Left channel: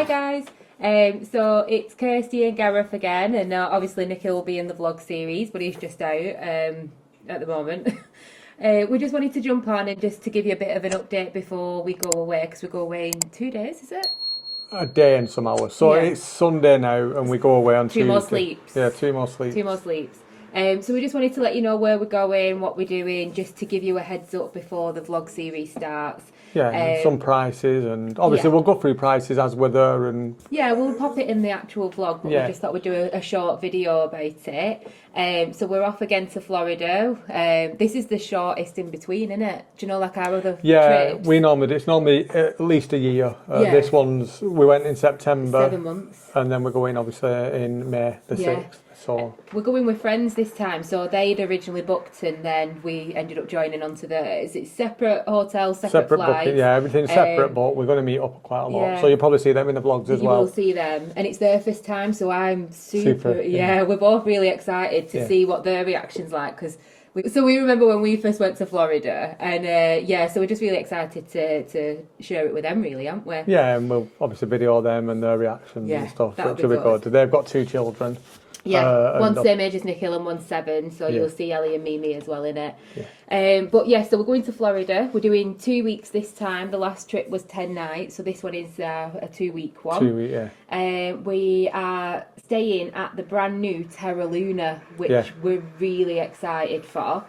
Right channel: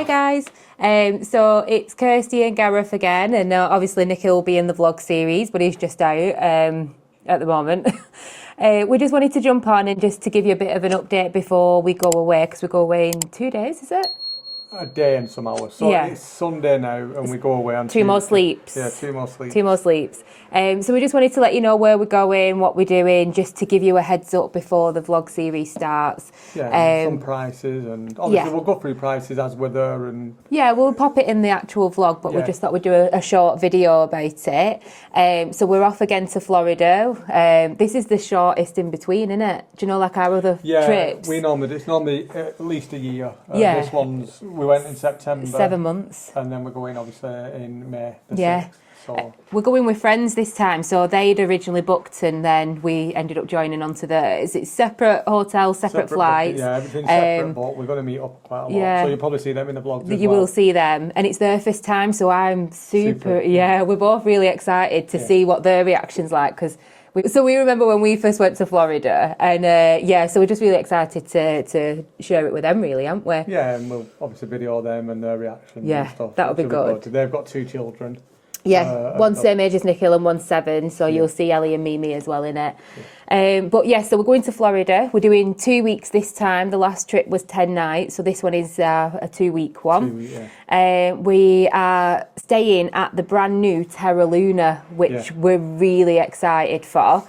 Hi guys, so it's Kirsty and Gareth again, and obviously Nikhil will be in the vlog series, but he's just out at the moment. We just wanted to jump on and just to give you a bit of an update before we go away, because we go away in 2 days, is it? A day and some hours. So yeah. It's Sunday now and we go away on Tuesday. 2 more sleeps. Yeah, 2 more sleeps. 2 more sleeps. So we just wanted to let you know where we're going, what we're doing, just to give you a heads up before the vlog series starts. Yeah, and some prices, and obviously we'll go through prices as we're there. And yeah, we'll pop it in the actual vlog, but we just thought we'd do a short video about it. So we're off again to Florida. This is the shortest in between, isn't it? Do you know, like our other trips? Yeah, it's normally at least a year. This one's, we went in September. 7 months. And then we're going obviously in May the 6th. So. We're going with friends this time, so they'd originally booked and then we ended up joining onto theirs. It's separate hotel, separate flights. Yeah, everything's separate, but we're going to meet up quite a lot. Yeah. So you'll probably see them in the vlogs as well. You will see them, and it's their first time, so I'm super we're both really excited to see what their reaction's like, because we remember when we first went to Florida, and so we're just really excited to share it with them, really, aren't we? Yeah, and we'll obviously video them and their reactions and stuff. That'll be good. They've got 2 children. Yeah, one's same age as Nikhil and one's 7, so you'll see Ellie and Mimi as well in it. Yeah. So we're going to Florida. We're doing 2 weeks this time. The last trip was 10 nights, so this one is a 2-week one. 2 week, we are staying at the brand new Terra Luna, which we're really excited for.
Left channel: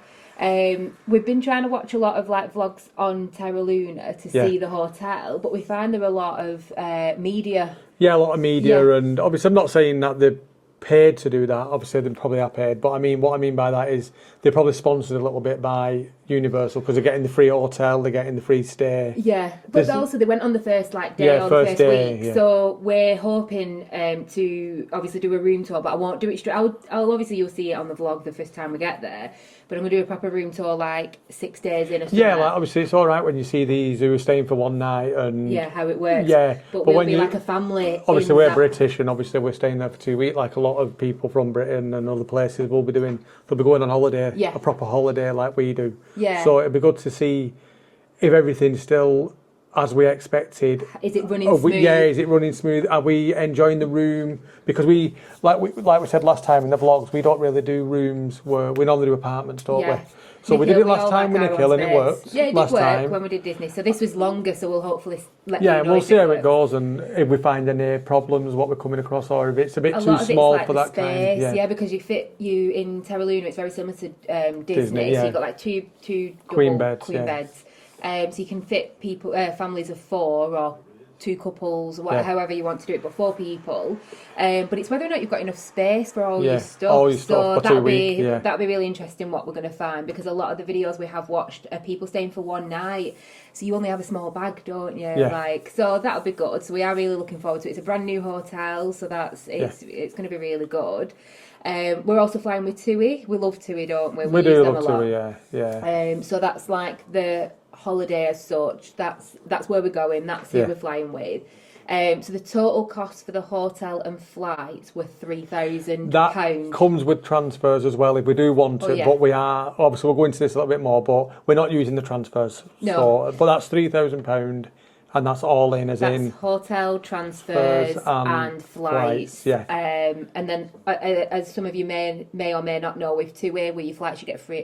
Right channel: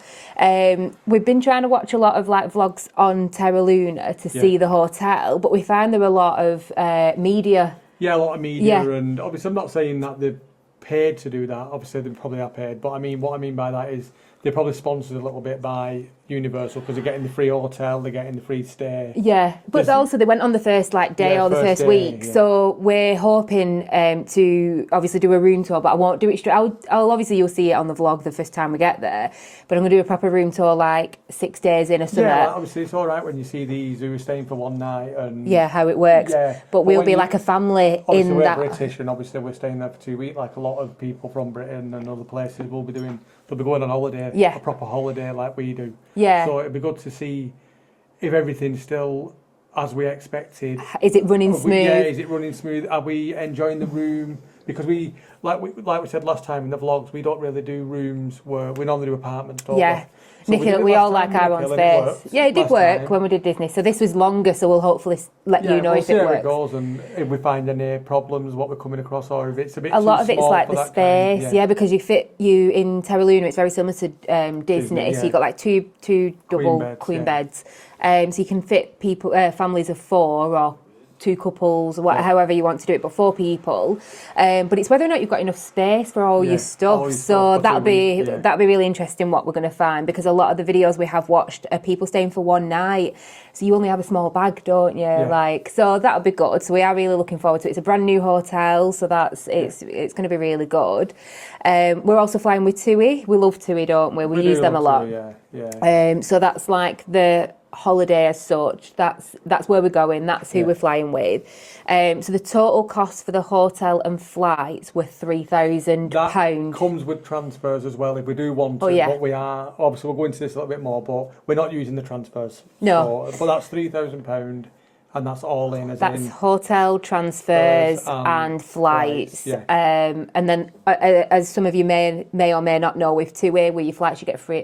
We've been trying to watch a lot of like vlogs on Terra Luna to see the hotel, but we find there are a lot of media. Yeah, a lot of media, and obviously I'm not saying that they're paid to do that. Obviously they probably are paid, but I mean, what I mean by that is they're probably sponsored a little bit by Universal, because they're getting the free hotel, they're getting the free stay. Yeah, but also they went on the first day or the first week, so we're hoping to obviously do a room tour, but I won't do it straight. I'll obviously, you'll see it on the vlog the first time we get there, but I'm going to do a proper room tour like 6 days in or something. Yeah, like, obviously it's all right when you see these who are staying for one night and how it works. Yeah, but we'll be like a family. Obviously we're British, and obviously we're staying there for 2 weeks. Like a lot of people from Britain and other places will be doing. They'll be going on holiday, a proper holiday like we do. Yeah. So it'd be good to see if everything's still as we expected. Is it running smooth? Is it running smooth? Are we enjoying the room? Because we said last time in the vlogs, we don't really do rooms where we normally do apartments, don't we? So we all like our own space. It did work time. when we did Disney. So this was longer, so we'll hopefully let you know if it works. Yeah, we'll see how it goes, and if we find any problems, what we're coming across, or if it's a bit too small for that kind. A lot of it's like the space, because you in Terra Luna, it's very similar to Disney. So you've got like two double queen beds. So you can fit people, families of 4 or 2 couples, or however you want to do it, but 4 people. But it's whether or not you've got enough space for all your stuff. So that'd be really interesting what we're going to find, because a lot of the videos we have watched are people staying for one night. So you only have a small bag, don't you? So that'll be good. So we are really looking forward to it. It's a brand new hotel, so it's going to be really good. We're also flying with TUI. We love TUI, don't we? We use them a lot. TUI, so that's like the holiday as such. That's where we're going. That's who we're flying with. So the total cost for the hotel and flights were £3,000. That comes with transfers as well if we do want to. But we are obviously, we'll go into this a little bit more, but we're not using the transfers. No. But that's £3,000. And that's all in, that's hotel, transfers and flights. And then, as some of you may or may not know, with TUI, with your flights you get free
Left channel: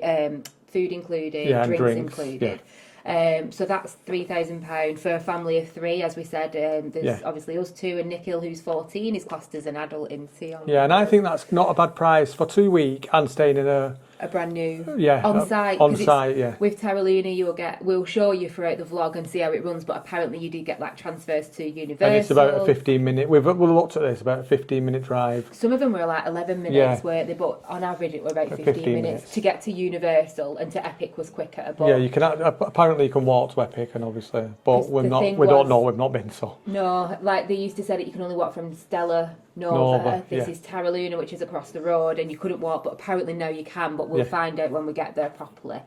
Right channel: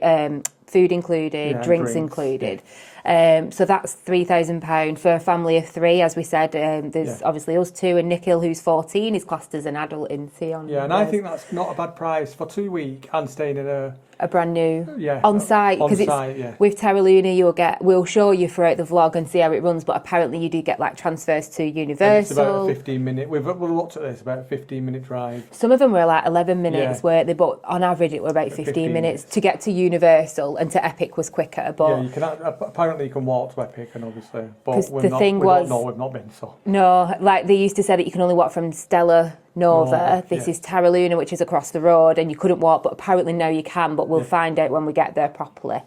food included, drinks included. So that's £3,000 for a family of 3, as we said. There's obviously us 2, and Nikhil, who's 14, is classed as an adult in Theon. Yeah, and I think that's not a bad price for 2 weeks and staying in a brand new on site, because with Terra Luna we'll show you throughout the vlog and see how it runs, but apparently you do get like transfers to Universal. And it's about a 15-minute. We've looked at this, about a 15-minute drive. Some of them were like 11 minutes, weren't they? But on average it were about 15 minutes to get to Universal, and to Epic was quicker. But you can apparently you can walk to Epic, and obviously, but we don't know. We've not been so. No, like they used to say that you can only walk from Stella Nova. This is Terra Luna, which is across the road, and you couldn't walk, but apparently now you can, but we'll find out when we get there properly.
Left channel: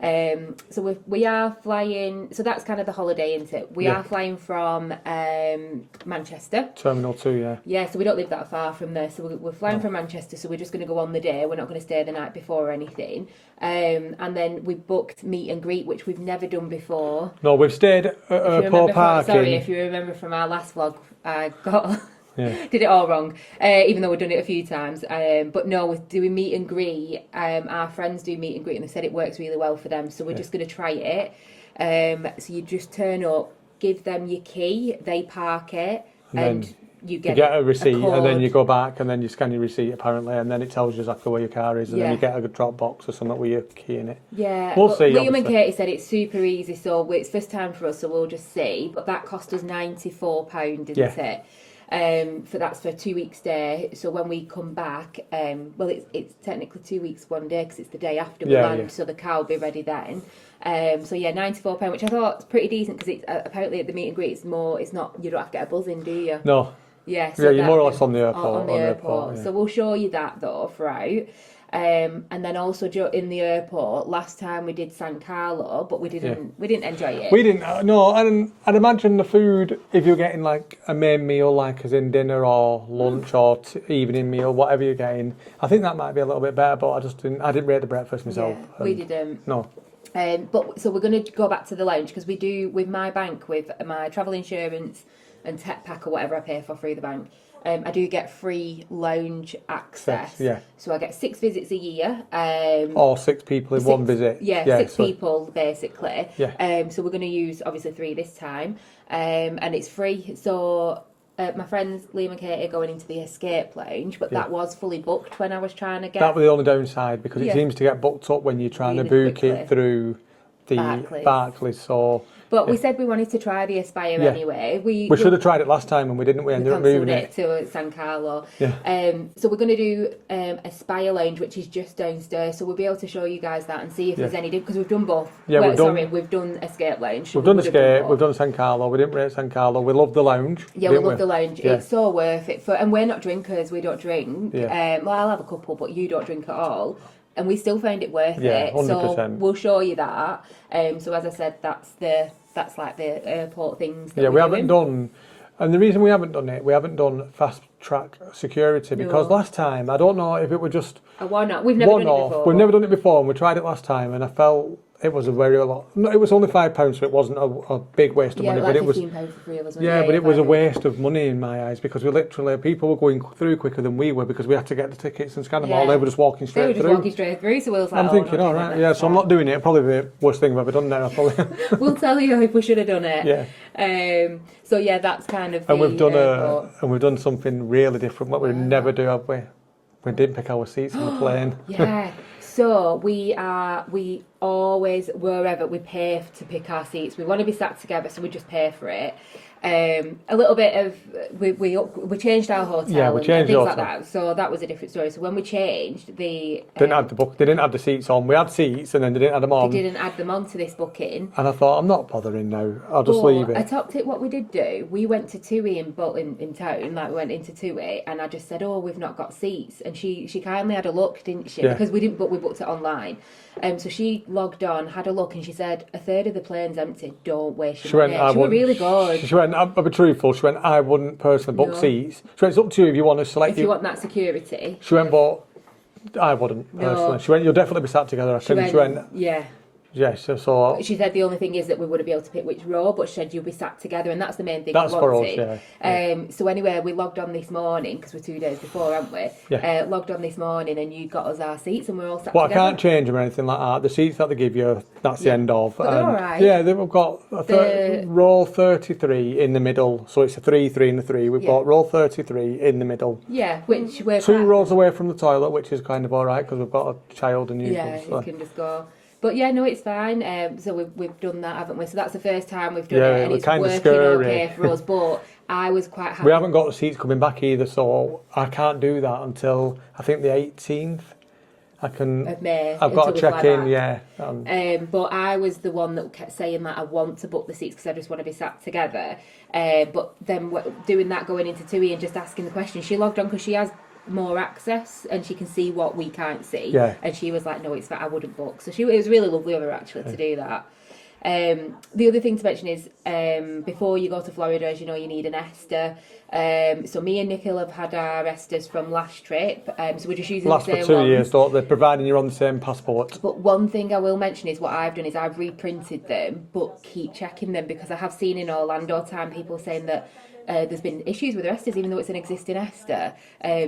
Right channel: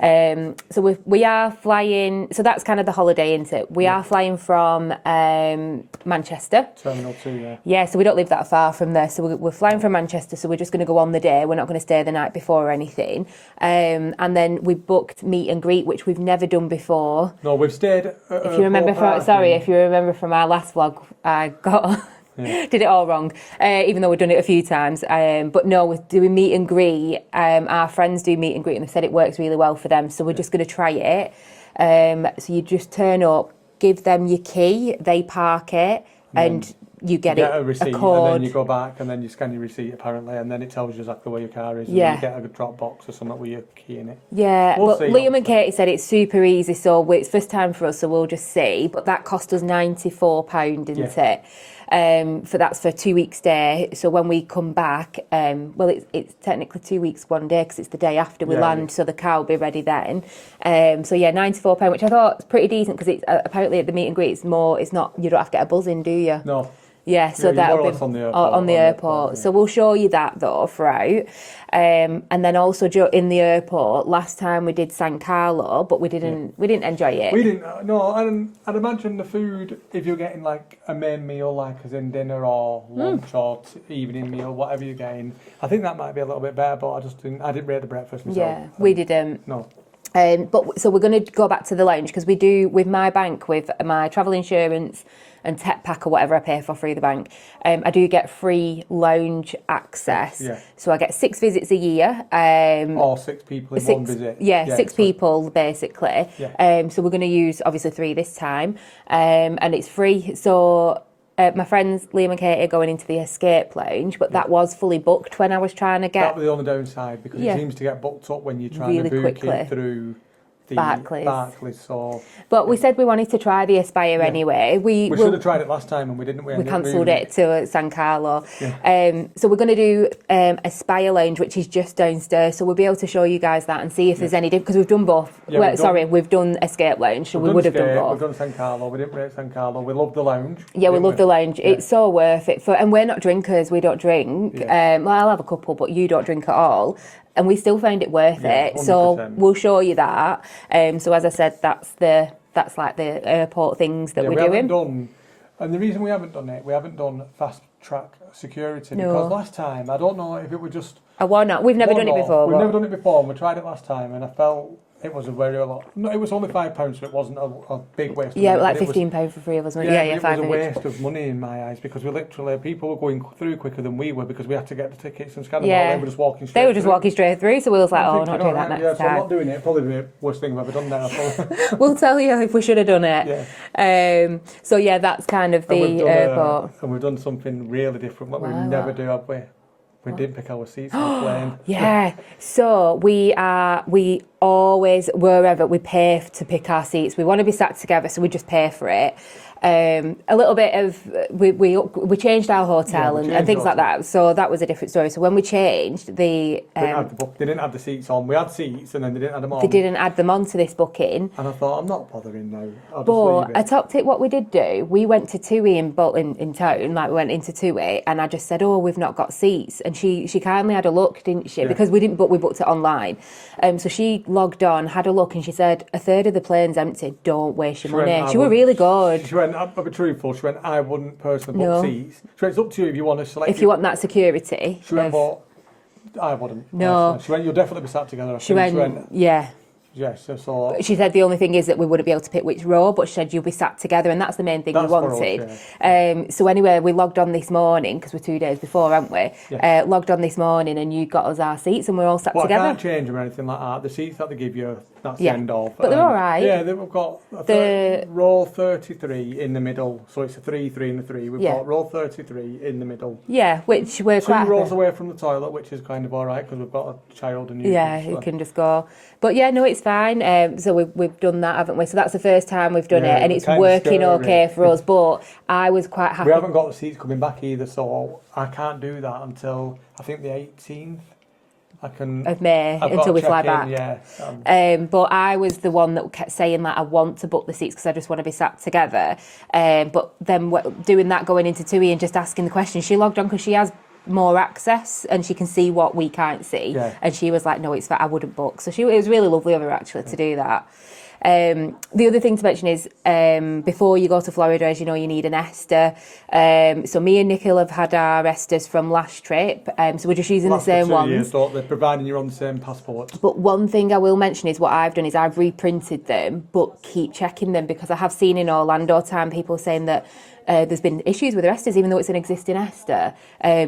So we are flying. So that's kind of the holiday, isn't it? We are flying from Manchester. Terminal 2, yeah. Yeah, so we don't live that far from there. So we're flying from Manchester. So we're just going to go on the day. We're not going to stay the night before or anything. And then we booked meet and greet, which we've never done before. No, we've stayed at if you remember from our last vlog, I got did it all wrong, even though we've done it a few times. But no, we're doing meet and greet. Our friends do meet and greet, and they said it works really well for them. So we're just going to try it. So you just turn up, give them your key, they park it, and you get a receipt, and then you go back, and then you scan your receipt apparently, and then it tells you exactly where your car is, and then you get a drop box or something with your key in it. Yeah, but Liam and Katie said it's super easy, so it's first time for us, so we'll just see. But that cost us £94, didn't it? That's for 2 weeks stay. So when we come back, it's technically 2 weeks, 1 day, because it's the day after we land, so the car will be ready then. £94, which I thought was pretty decent, because it's apparently at the meet and greet, it's not, you don't have to get a buzz in, do you? No. Yeah, so you're more or less on the airport. So we'll show you that though throughout. And then also in the airport, last time we did San Carlo, but we didn't enjoy it. We didn't. No, and I'd imagine the food, if you're getting like a main meal, like as in dinner or lunch or evening meal, whatever you're getting, I think that might be a little bit better. But I didn't rate the breakfast myself. Yeah, we didn't. No. So we're going to go back to the lounge, because we do with my bank, with my travel insurance and tech pack or whatever I pay for through the bank, I do get free lounge access. Yeah. So I get 6 visits a year. Or 6 people in one visit. Yeah, 6 people basically. Yeah. So we're going to use obviously 3 this time, and it's free. So my friends Liam and Katie are going into the escape lounge, but that was fully booked when I was trying to get. That was the only downside, because it seems to get booked up when you're trying to book it through the Barclays. But we said we wanted to try the Aspire anyway. We should have tried it last time, and we didn't. We cancelled it to San Carlo. Yeah. So we're going to do Aspire Lounge, which is just downstairs. So we'll be able to show you guys that and see if there's any difference, because we've done both. Yeah, we've done Escape Lounge. So we would have done both. We've done San Carlo. We didn't rate San Carlo. We love the lounge. Yeah, we love the lounge. Yeah. It's so worth it. And we're not drinkers. We don't drink. Yeah. Well, I'll have a couple, but you don't drink at all. And we still find it worth it. 100%. So we'll show you that. So as I said, that's like the airport things that we're doing. Haven't done, and the reason we haven't done it, we haven't done fast track security, because last time, I don't know if it was just why not? We've never done it before. We've never done it before, and we tried it last time, and I felt it was a very lot. No, it was only £5, so it wasn't a big waste of money. Yeah, like £15 for 3 of us. Yeah, but it was a waste of money in my eyes, because people were going through quicker than we were, because we had to get the tickets and scan them all. They were just walking straight through. They were just walking straight through, so we was like, not doing that next time. So I'm not doing it. Probably the worst thing we've ever done there. We'll tell you if we should have done it. Yeah. So yeah, that's kind of the airport. And we've done something really different, what we never do, have we? We did pick our seats on the plane. Yeah. So we always, wherever we pay to pick our seats, we want to be sat together, so we just pay for it. A little bit of we changed our hotel and things like that, so that was a different story. So when we changed, they didn't have the seats on. We had seats, and then they didn't add them on. They didn't add them on to this booking, and I thought, I'm not bothering now. I'll just leave it. A top tip, what we did do, we went to TUI in town, like we went into TUI, and I just said, we've not got seats, and she kindly had a look, didn't she? Because we didn't book, we booked it online. So she logged on, had a look, and she said, a third of the plane's empty. Don't waste your money. She was really good. She went, I'll be truthful, she went, I wouldn't personally book seats. She went, it's up to you if you want to select. If you want that security. She went, but I wouldn't. No. Personally. She went, you'll definitely be sat together. She went, yeah. Yes, so she said the only thing is that we wouldn't be able to pick which row, but she said you'll be sat together, and that's the main thing we wanted. For us, so anyway, we logged on this morning, because we're 2 days before, aren't we? Yeah. Logged on this morning, and you got us our seats, and we're all sat together. I can't change them or anything like that. The seats that they give you, that's the end of. But they're all right. Yeah, they've got row 33 in the middle, so it's a 3, 3 and a 3. We've got row 33 in the middle. Yeah, which we're 2 rows away from the toilet, which is kind of all right, because we've got a child and you. Yeah, who can just go. But yeah, no, it's fine. So we've done that, haven't we? So that's the first time we've done it, and it's working okay for us. But I was quite happy. We haven't got the seats coming back either, so I can't do that until I think the 18th. Of May, until we fly back. Yeah. But I was the one that kept saying that I want to book the seats because I just want to be sat together. But then doing that, going into TUI and just asking the question, she logged on because she has more access and she can see what we can't see. Yeah. And she was like, no, it's fine, I wouldn't book. So it was really lovely of her actually to do that. The other thing to mention is before you go to Florida, as you know, you need an Ester. So me and Nikhil have had our Esters from last trip. So we're just using the same for 2 ones. years, so they're providing you're on the same passport. But one thing I will mention is what I've done is I've reprinted them, but keep checking them because I have seen in Orlando time people saying that there's been issues with the Esters, even though it's an existing Ester.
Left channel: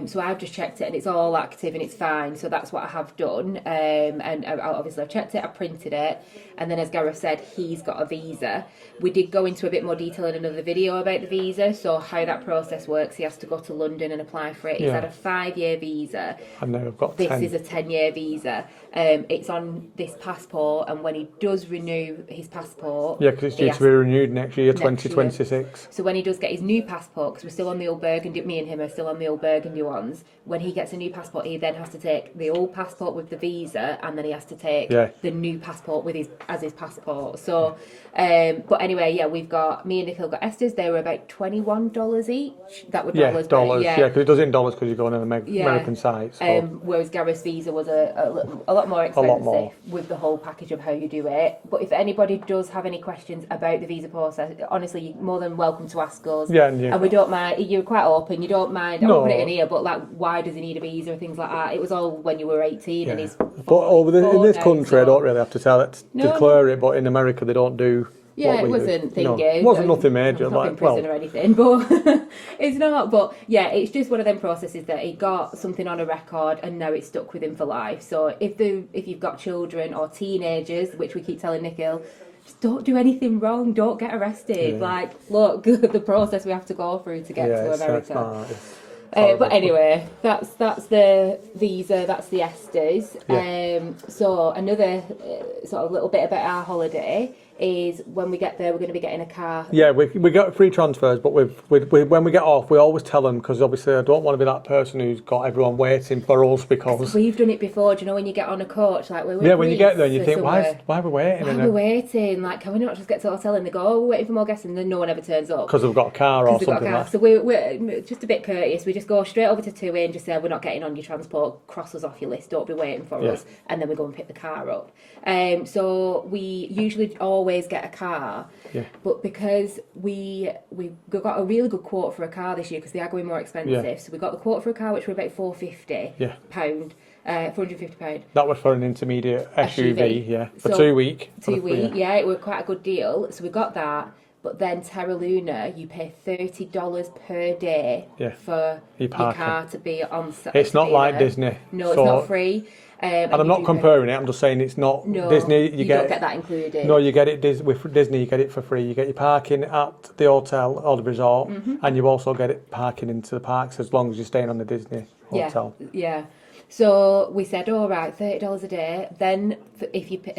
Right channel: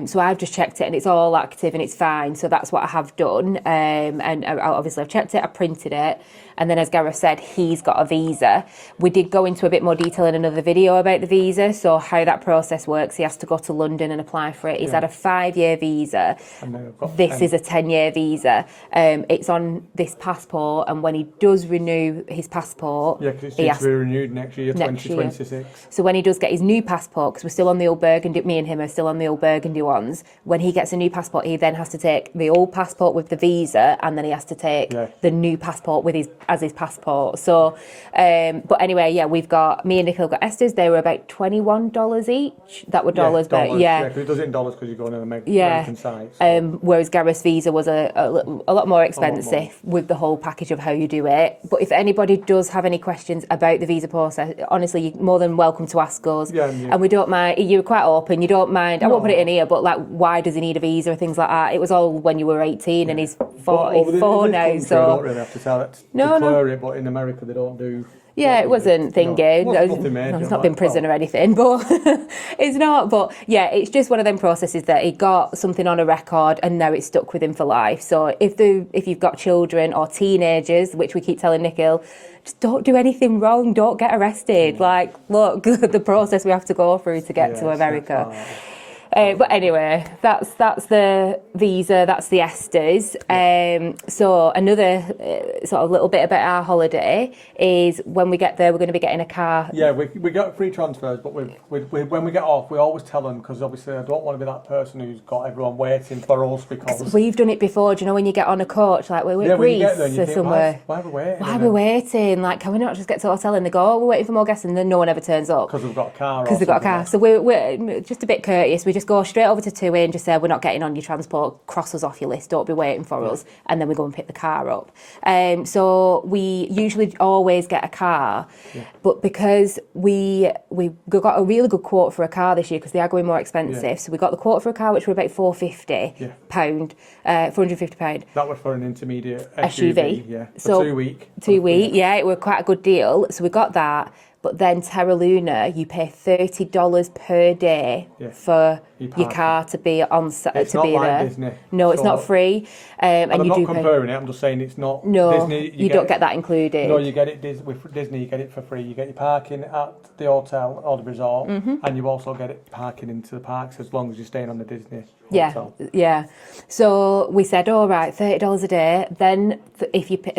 So I've just checked it and it's all active and it's fine. So that's what I have done. And obviously I've checked it, I printed it. And then as Gareth said, he's got a visa. We did go into a bit more detail in another video about the visa. So how that process works, he has to go to London and apply for it. He's had a 5-year visa. And now I've got this 10. is a 10-year visa. It's on this passport. And when he does renew his passport... Yeah, because it's due to be renewed next year, 2026. So when he does get his new passport, because we're still on the old Burgundy, me and him are still on the old Burgundy ones, when he gets a new passport, he then has to take the old passport with the visa and then he has to take the new passport with his passport. So, but anyway, we've got, me and Nikhil got Esters. They were about $21 each. That were dollars. Dollars. Yeah, because it does it in dollars because you're going on an American site. So. Whereas Gareth's visa was a lot more expensive with the whole package of how you do it. But if anybody does have any questions about the visa process, honestly, you're more than welcome to ask us. And we don't mind. You're quite open. You don't mind. I won't put it in here, but like, why does he need a visa or things like that? It was all when you were 18 and he's 44 in this now. country, I don't really have to declare it, but in America they don't do. Yeah, it wasn't thinking. It wasn't nothing major. It's not been prison or anything, but it's not. But yeah, it's just one of them processes that he got something on a record and now it's stuck with him for life. So if you've got children or teenagers, which we keep telling Nikhil, just don't do anything wrong. Don't get arrested. Like, look, the process we have to go through to get to America. But anyway, that's the visa, that's the Esters. So another sort of little bit about our holiday is when we get there, we're going to be getting a car. Yeah, we got free transfers, but when we get off, we always tell them, because obviously I don't want to be that person who's got everyone waiting for us because... We've done it before, do you know, when you get on a coach, like we're when you get there and you think, why are we waiting? Why are we waiting? Like, can we not just get to the hotel and they go, oh, we're waiting for more guests, and then no one ever turns up? Because they've got a car or something. Because they've got a car. So we're just a bit courteous. We just go straight over to 2A and just say, we're not getting on your transport, cross us off your list, don't be waiting for us, and then we go and pick the car up. So we usually always get a car, but because we got a really good quote for a car this year because they are going more expensive, so we got the quote for a car which were about £450, £450. That was for an intermediate SUV, for so 2 weeks. 2 weeks, it was quite a good deal, so we got that. But then Terra Luna, you pay $30 per day for your car to be on set. It's not like Disney. No, it's not free. And I'm not comparing it, I'm just saying it's not Disney. You don't get that included. No, you get it with Disney, you get it for free. You get your parking at the hotel or the resort, and you also get it parking into the parks as long as you're staying on the Disney hotel. Yeah. So we said, all right, $30 a day. Then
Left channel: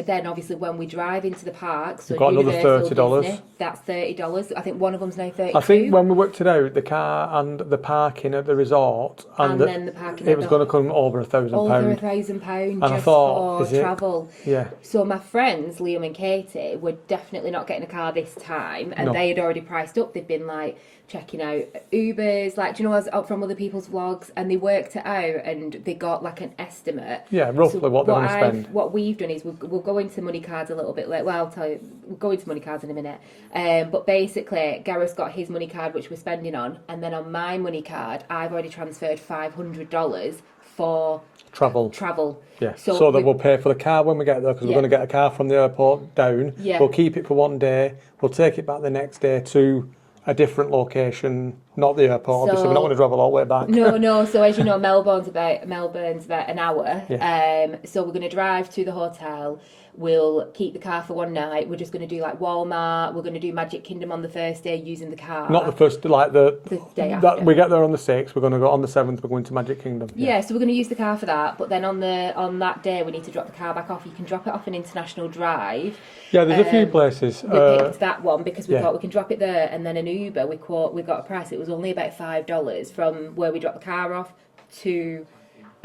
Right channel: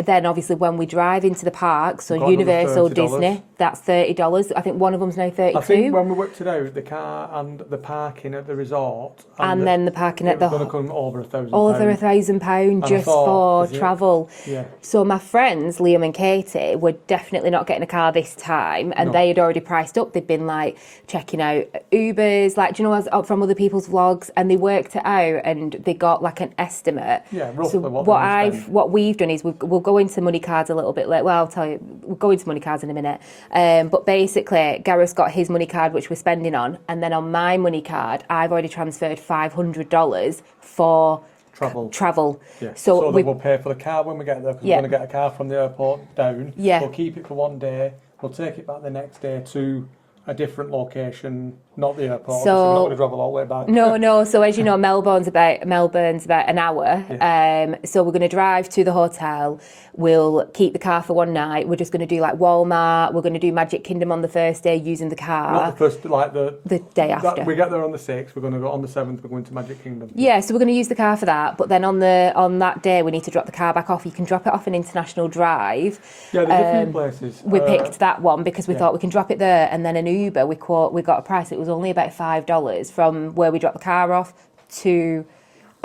then obviously when we drive into the parks, so Universal, Disney, that's $30. I think one of them's now $32. I think when we worked it out, the car and the parking at the resort, and then the parking at the... It was going to come over £1,000. Over £1,000 just for travel. Yeah. So my friends, Liam and Katie, were definitely not getting a car this time, and they had already priced up. They'd been like checking out Ubers, like, do you know, from other people's vlogs, and they worked it out and they got like an estimate. Yeah, roughly so what we've done is we'll go into money cards a little bit later. Well, I'll tell you, we'll go into money cards in a minute. But basically, Gareth's got his money card, which we're spending on, and then on my money card, I've already transferred $500 for travel. Yeah. So that we'll pay for the car when we get there, because we're going to get a car from the airport down. Yeah. We'll keep it for 1 day. We'll take it back the next day to a different location, not the airport. Obviously, we're not going to travel all the way back. No. So as you know, Melbourne's about an hour. Yeah. So we're going to drive to the hotel. We'll keep the car for one night. We're just going to do like Walmart. We're going to do Magic Kingdom on the first day using the car. Not the first, like the day after. We get there on the 6th. We're going to go on the 7th. We're going to Magic Kingdom. Yeah. So we're going to use the car for that. But then on that day, we need to drop the car back off. You can drop it off an international drive. Yeah, there's a few places. We picked that one because we thought we can drop it there, and then an Uber. We got a price. It was only about $5 from where we dropped the car off to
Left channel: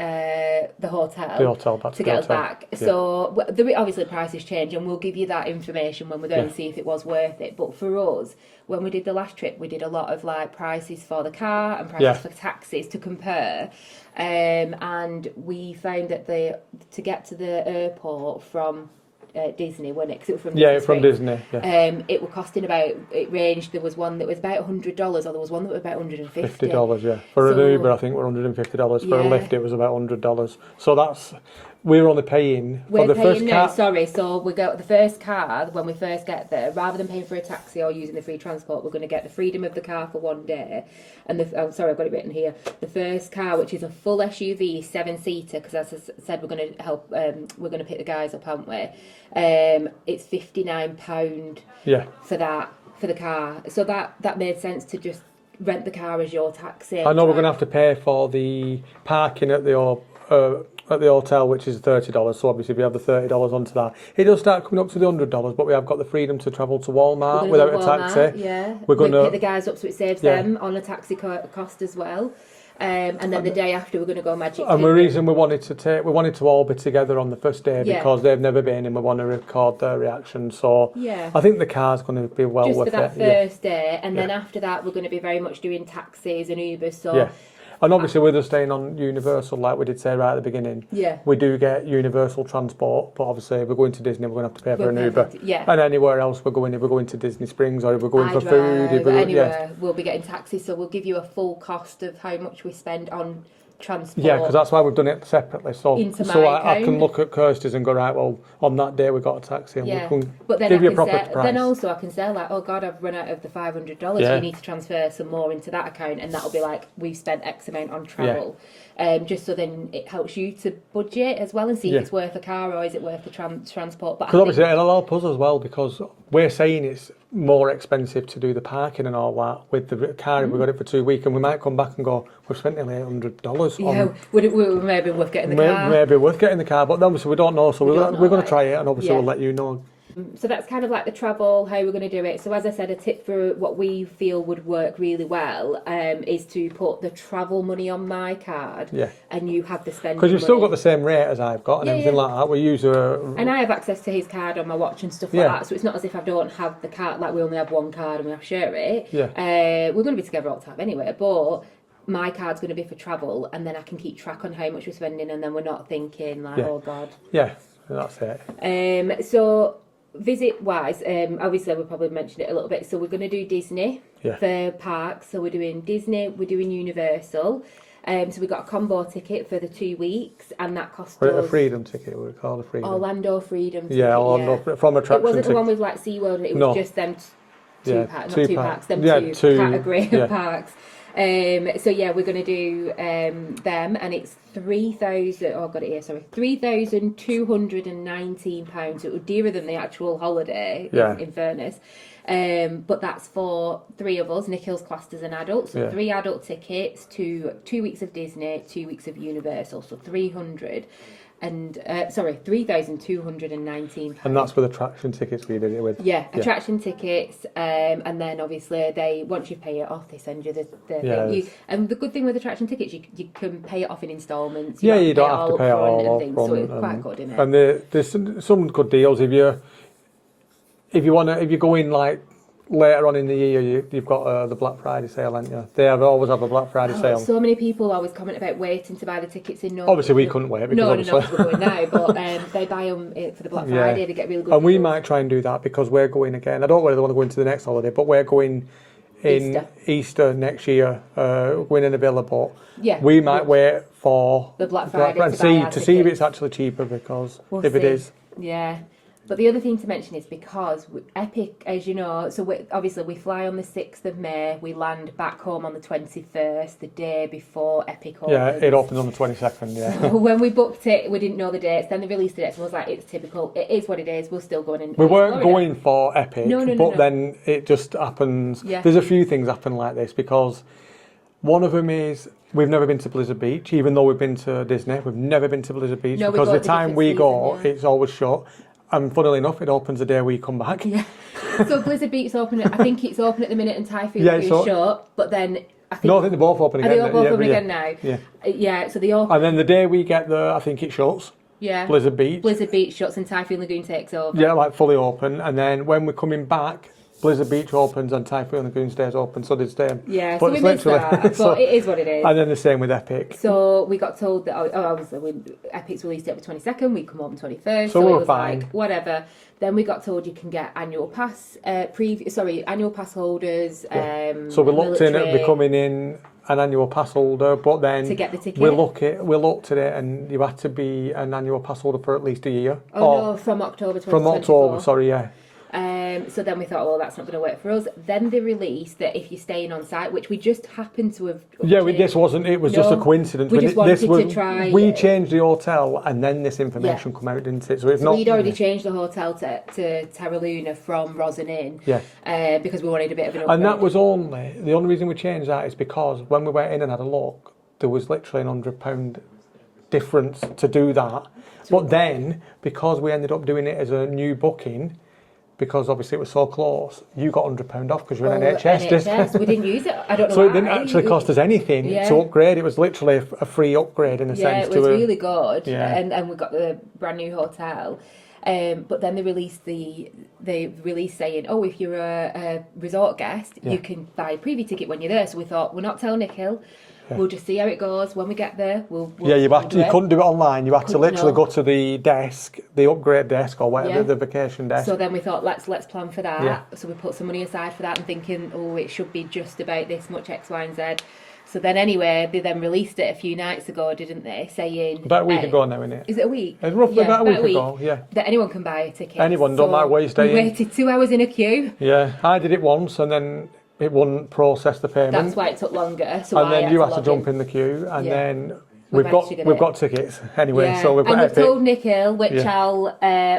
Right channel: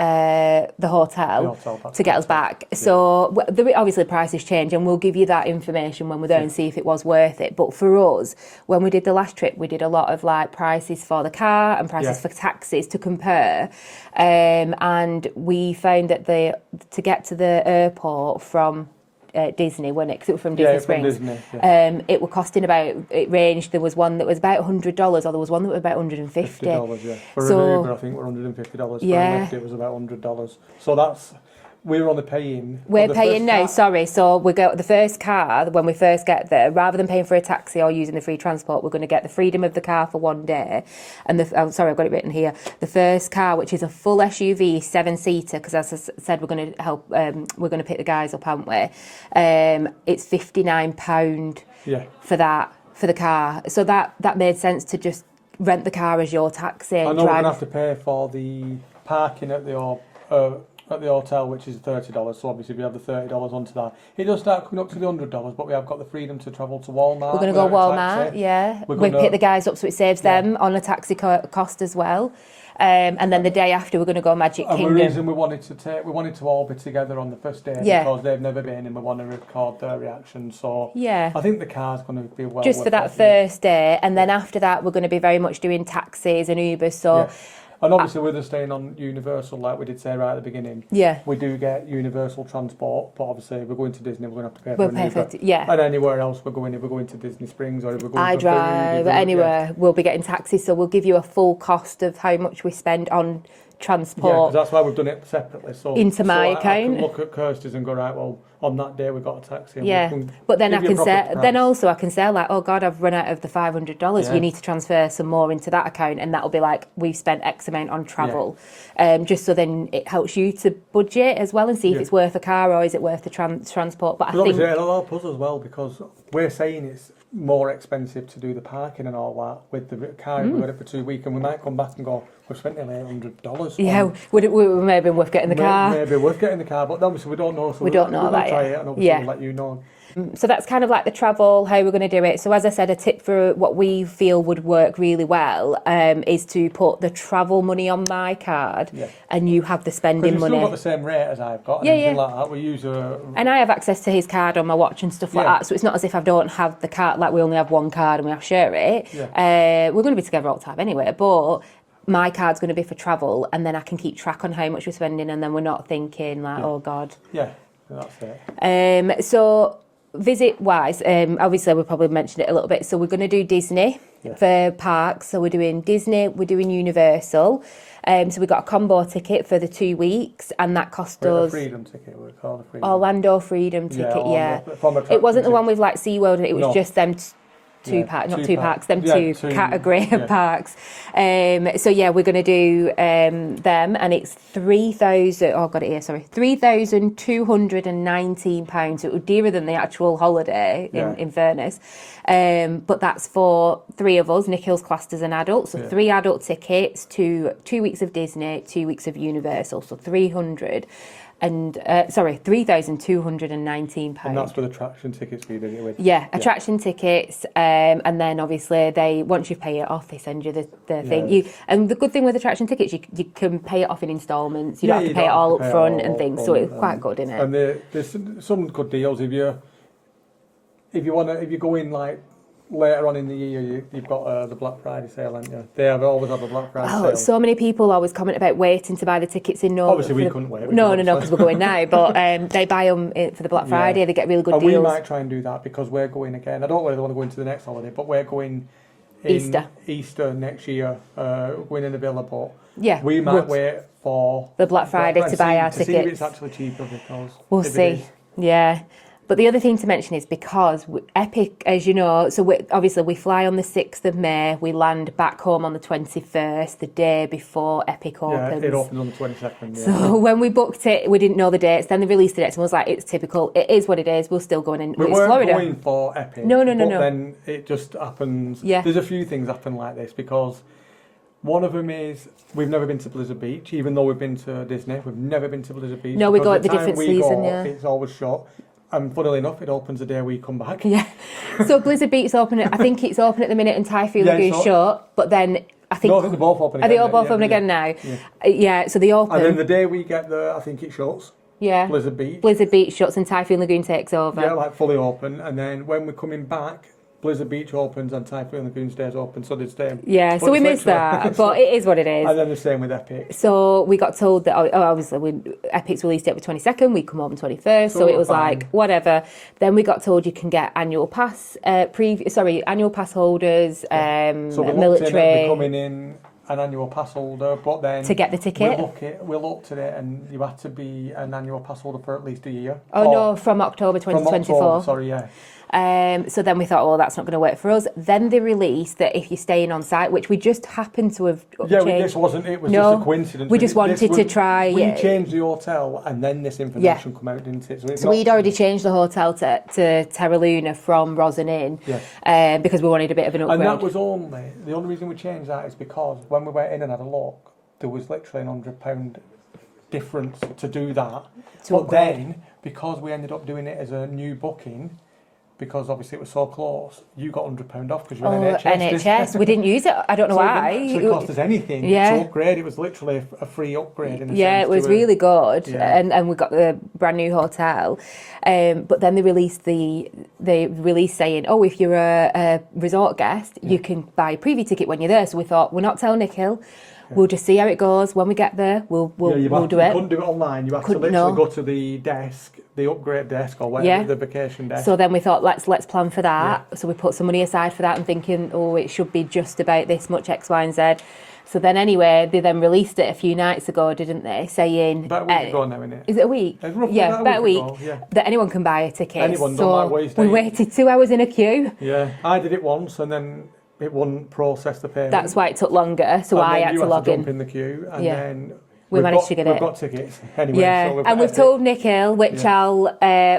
the hotel to get us back. Yeah. So obviously prices change, and we'll give you that information when we're there and see if it was worth it. But for us, when we did the last trip, we did a lot of like prices for the car and prices for taxis to compare. And we found that to get to the airport from Disney, wasn't it? Because it was from Disney Springs. Disney. Yeah. It were costing it ranged. There was one that was about $100, or there was one that was about $150. $50, yeah. For an Uber, I think we're $150. For a Lyft, it was about $100. So we're only paying. We're paying now. Sorry, so we go the first car when we first get there. Rather than paying for a taxi or using the free transport, we're going to get the freedom of the car for one day. And I've got it written here. The first car, which is a full SUV 7-seater, because as I said, we're going to help. We're going to pick the guys up, aren't we? It's £59 for the car. So that made sense to just rent the car as your taxi. I know we're going to have to pay for the parking at the hotel, which is $30, so obviously we have the $30 onto that. It does start coming up to the $100, but we have got the freedom to travel to Walmart without a taxi. Yeah. We pick the guys up, so it saves them on a taxi cost as well. And then the day after, we're going to go Magic Kingdom. And the reason we wanted to all be together on the first day because they've never been, and we want to record their reaction. So I think the car's going to be well just worth for that first day, and then after that, we're going to be very much doing taxis and Ubers. So. And obviously, with us staying on Universal, like we did say right at the beginning, we do get Universal transport. But obviously, if we're going to Disney, we're going to have to pay for an Uber. And anywhere else we're going, if we're going to Disney Springs or if we're going for food, anywhere, we'll be getting taxis. So we'll give you a full cost of how much we spend on transport. Yeah, because that's why we've done it separately. So into my account, I can look at Kirsty's and go, right, well, on that day we got a taxi. And but then I can say like, oh God, I've run out of the $500. We need to transfer some more into that account, and that'll be like we've spent X amount on travel. Just so then it helps you to budget as well and see if it's worth a car or is it worth the transport. But obviously it'll help us as well, because we're saying it's more expensive to do the parking and all that with the car. We've got it for 2 weeks, and we might come back and go, we've spent nearly $800. Yeah, would it maybe worth getting the car? Maybe worth getting the car, but obviously we don't know, so we're going to try it, and obviously we'll let you know. So that's kind of like the travel, how we're going to do it. So as I said, a tip for what we feel would work really well is to put the travel money on my card, and you have the spending money. Because you've still got the same rate as I've got, and everything like that. We use and I have access to his card on my watch and stuff like that. So it's not as if I don't have the card, like we only have one card and we have to share it. We're going to be together all the time anyway, but my card's going to be for travel, and then I can keep track on how much we're spending, and then we're not thinking like, oh God. Yeah, that's it. So visit wise, obviously we probably mentioned it a little bit. So we're going to do Disney for parks. So we're doing Disney, we're doing Universal. So we got a combo ticket for the 2 weeks, and that cost us a freedom ticket. We call it a freedom. Orlando Freedom ticket. From attraction. It wasn't the one with like SeaWorld. It was just them. Two parks, two category of parks. So we're going to do them, and it's £3,219. It was dearer than the actual holiday, in fairness. But that's for 3 of us. Nikhil's classed as an adult, so 3 adult tickets to 2 weeks of Disney, 2 weeks of Universal, so £3,219. And that's with attraction tickets we did it with. Attraction tickets, and then obviously once you pay it off, they send you the thing. And the good thing with attraction tickets, you can pay it off in instalments. You don't have to pay it all up front and things, so it's quite good, isn't it? And there's some good deals if you go in like later on in the year, you've got the Black Friday sale, haven't you? They always have a Black Friday sale. So many people always comment about waiting to buy the tickets in November. Obviously, we couldn't wait. No, because we're going now. But they buy them for the Black Friday. They get really good deals. And we might try and do that because we're going again. I don't really want to go into the next holiday, but we're going in Easter next year. Going in a Villa, but we might wait for the Black Friday to buy our tickets. To see if it's actually cheaper, because if it is. But the other thing to mention is because Epic, as you know, so we fly on the 6th of May, we land back home on the 21st, the day before Epic opens. Yeah, it opens on the 22nd, So when we booked it, we didn't know the dates, then they released the dates and was like, it's typical, it is what it is, we're still going in. We weren't going for Epic, no. Then it just happens. There's a few things happen like this, because one of them is we've never been to Blizzard Beach, even though we've been to Disney, we've never been to Blizzard Beach. No, we go at the the different season, it's always shut. And funnily enough, it opens the day we come back. So Blizzard Beach is open. I think it's open at the minute, and Typhoon Lagoon's shut. But then I think they're both open again. Are they all both open again now? Yeah, so they open. And then the day we get there, I think it shuts. Yeah. Blizzard Beach shuts and Typhoon Lagoon takes over. Yeah, like fully open. And then when we're coming back, Blizzard Beach opens and Typhoon Lagoon stays open, so they stay. Yeah, so we missed that, but it is what it is. And then the same with Epic. So we got told that, obviously, Epic's released it for 22nd, we come open 21st, so it was fine. Like, whatever. Then we got told you can get annual pass, annual pass holders, So we looked in at becoming in an annual pass holder, but then to get the ticket, we looked at it, and you had to be an annual pass holder for at least a year. Oh no, from October 2024. From October, sorry, yeah. So then we thought, oh, that's not going to work for us. Then they released that if you're staying on site, which we just happened to have changed. This wasn't. It was just a coincidence. We just wanted to try. We changed the hotel, and then this information come out, didn't it? So we'd already changed the hotel to Terra Luna from Rosin Inn, because we wanted a bit of an upgrade. And that was the only reason we changed that is because when we went in and had a look, there was literally an £100 difference to do that. But then, because we ended up doing it as a new booking, because obviously it was so close, you got £100 off because you're in NHS. We didn't use it. I don't know why. So it didn't actually cost us anything to upgrade. It was literally a free upgrade in a sense. Yeah, it was really good, and we got the brand new hotel. But then they released saying, oh, if you're a resort guest, you can buy a preview ticket when you're there. So we thought, we're not telling Nikhil. We'll just see how it goes. When we get there, we'll do it. You couldn't do it online. You had to literally go to the desk, the upgrade desk or whatever, the vacation desk. So then we thought, let's plan for that. Yeah. So we put some money aside for that and thinking, oh, it should be just about this much X, Y, and Z. So then anyway, they then released it a few nights ago, didn't they? Saying... About a week ago now, isn't it? Is it a week? It's roughly about a week ago, that anyone can buy a ticket. Anyone, don't matter where you stay. We waited 2 hours in a queue. Yeah, I did it once and then it wouldn't process the payment. That's why it took longer, so I had to log in. And then you had to jump in the queue, and then we managed to get it. We've got tickets anyway, so we've got we've told Nikhil, which I'll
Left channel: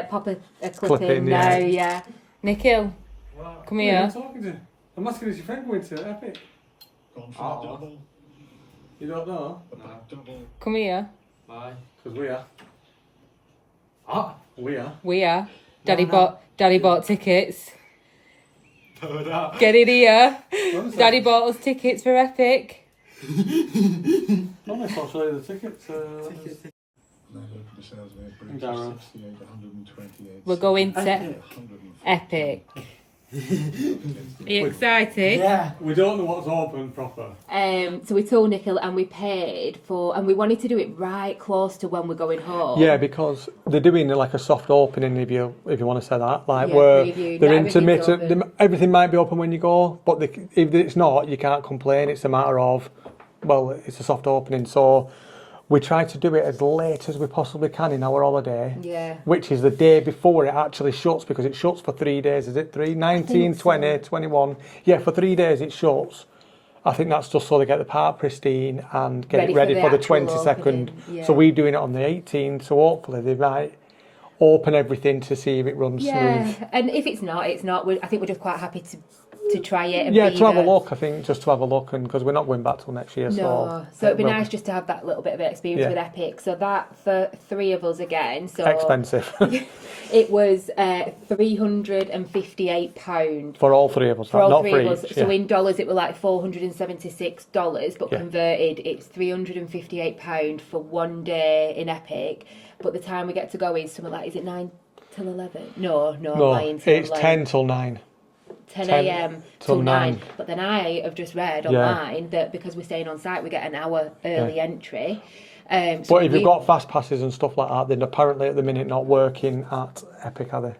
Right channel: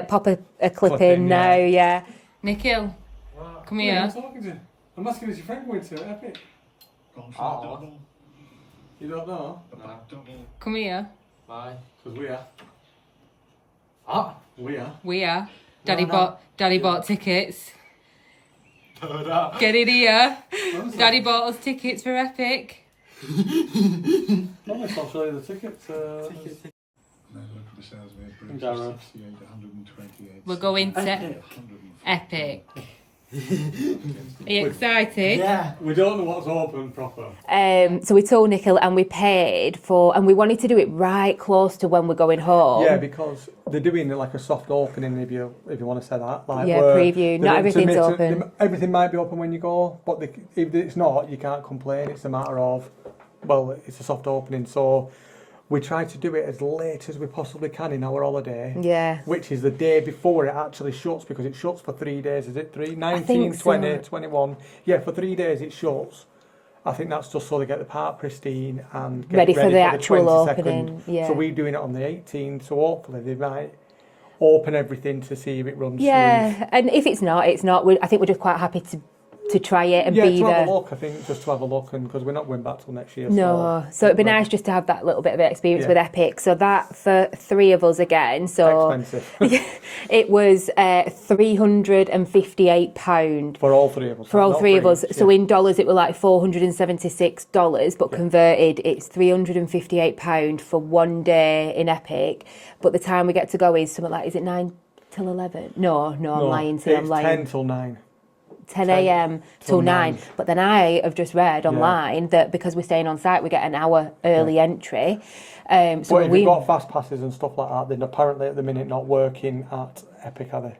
pop a clip in now, yeah. Nikhil, come here. What are you talking to? I'm asking, is your friend going to Epic? You don't know? No. Come here. Why? Because we are. We are. Daddy bought tickets. Get it here. Daddy bought us tickets for Epic. I'll show you the tickets. We're going to Epic. Are you excited? Yeah. We don't know what's open proper. So we told Nikhil and we paid for, and we wanted to do it right close to when we're going home. Yeah, because they're doing like a soft opening, if you want to say that. Like preview. Not everything's open. Everything might be open when you go, but if it's not, you can't complain. It's a matter of, well, it's a soft opening, so we try to do it as late as we possibly can in our holiday. Yeah. Which is the day before it actually shuts, because it shuts for 3 days. Is it 3? 19, 20, 21. Yeah, for 3 days it shuts. I think that's just so they get the park pristine and get it ready for the 22nd. Yeah. So we're doing it on the 18th, so hopefully they might open everything to see if it runs smooth. Yeah, and if it's not, it's not. I think we're just quite happy to try it and to have a look. I think just to have a look, and because we're not going back till next year. No, so it'd be nice just to have that little bit of experience with Epic. So that for 3 of us again. So expensive. It was £358 for all 3 of us. For all 3 of us. So in dollars, it was like $476, but converted, it's £358 for 1 day in Epic. But the time we get to go is something like, is it 9 till 11? No, I'm lying. It's 10 till 9. 10 a.m. till 9. But then I have just read online that because we're staying on site, we get an hour early entry. But if you've got fast passes and stuff like that, then apparently at the minute not working at Epic, are they?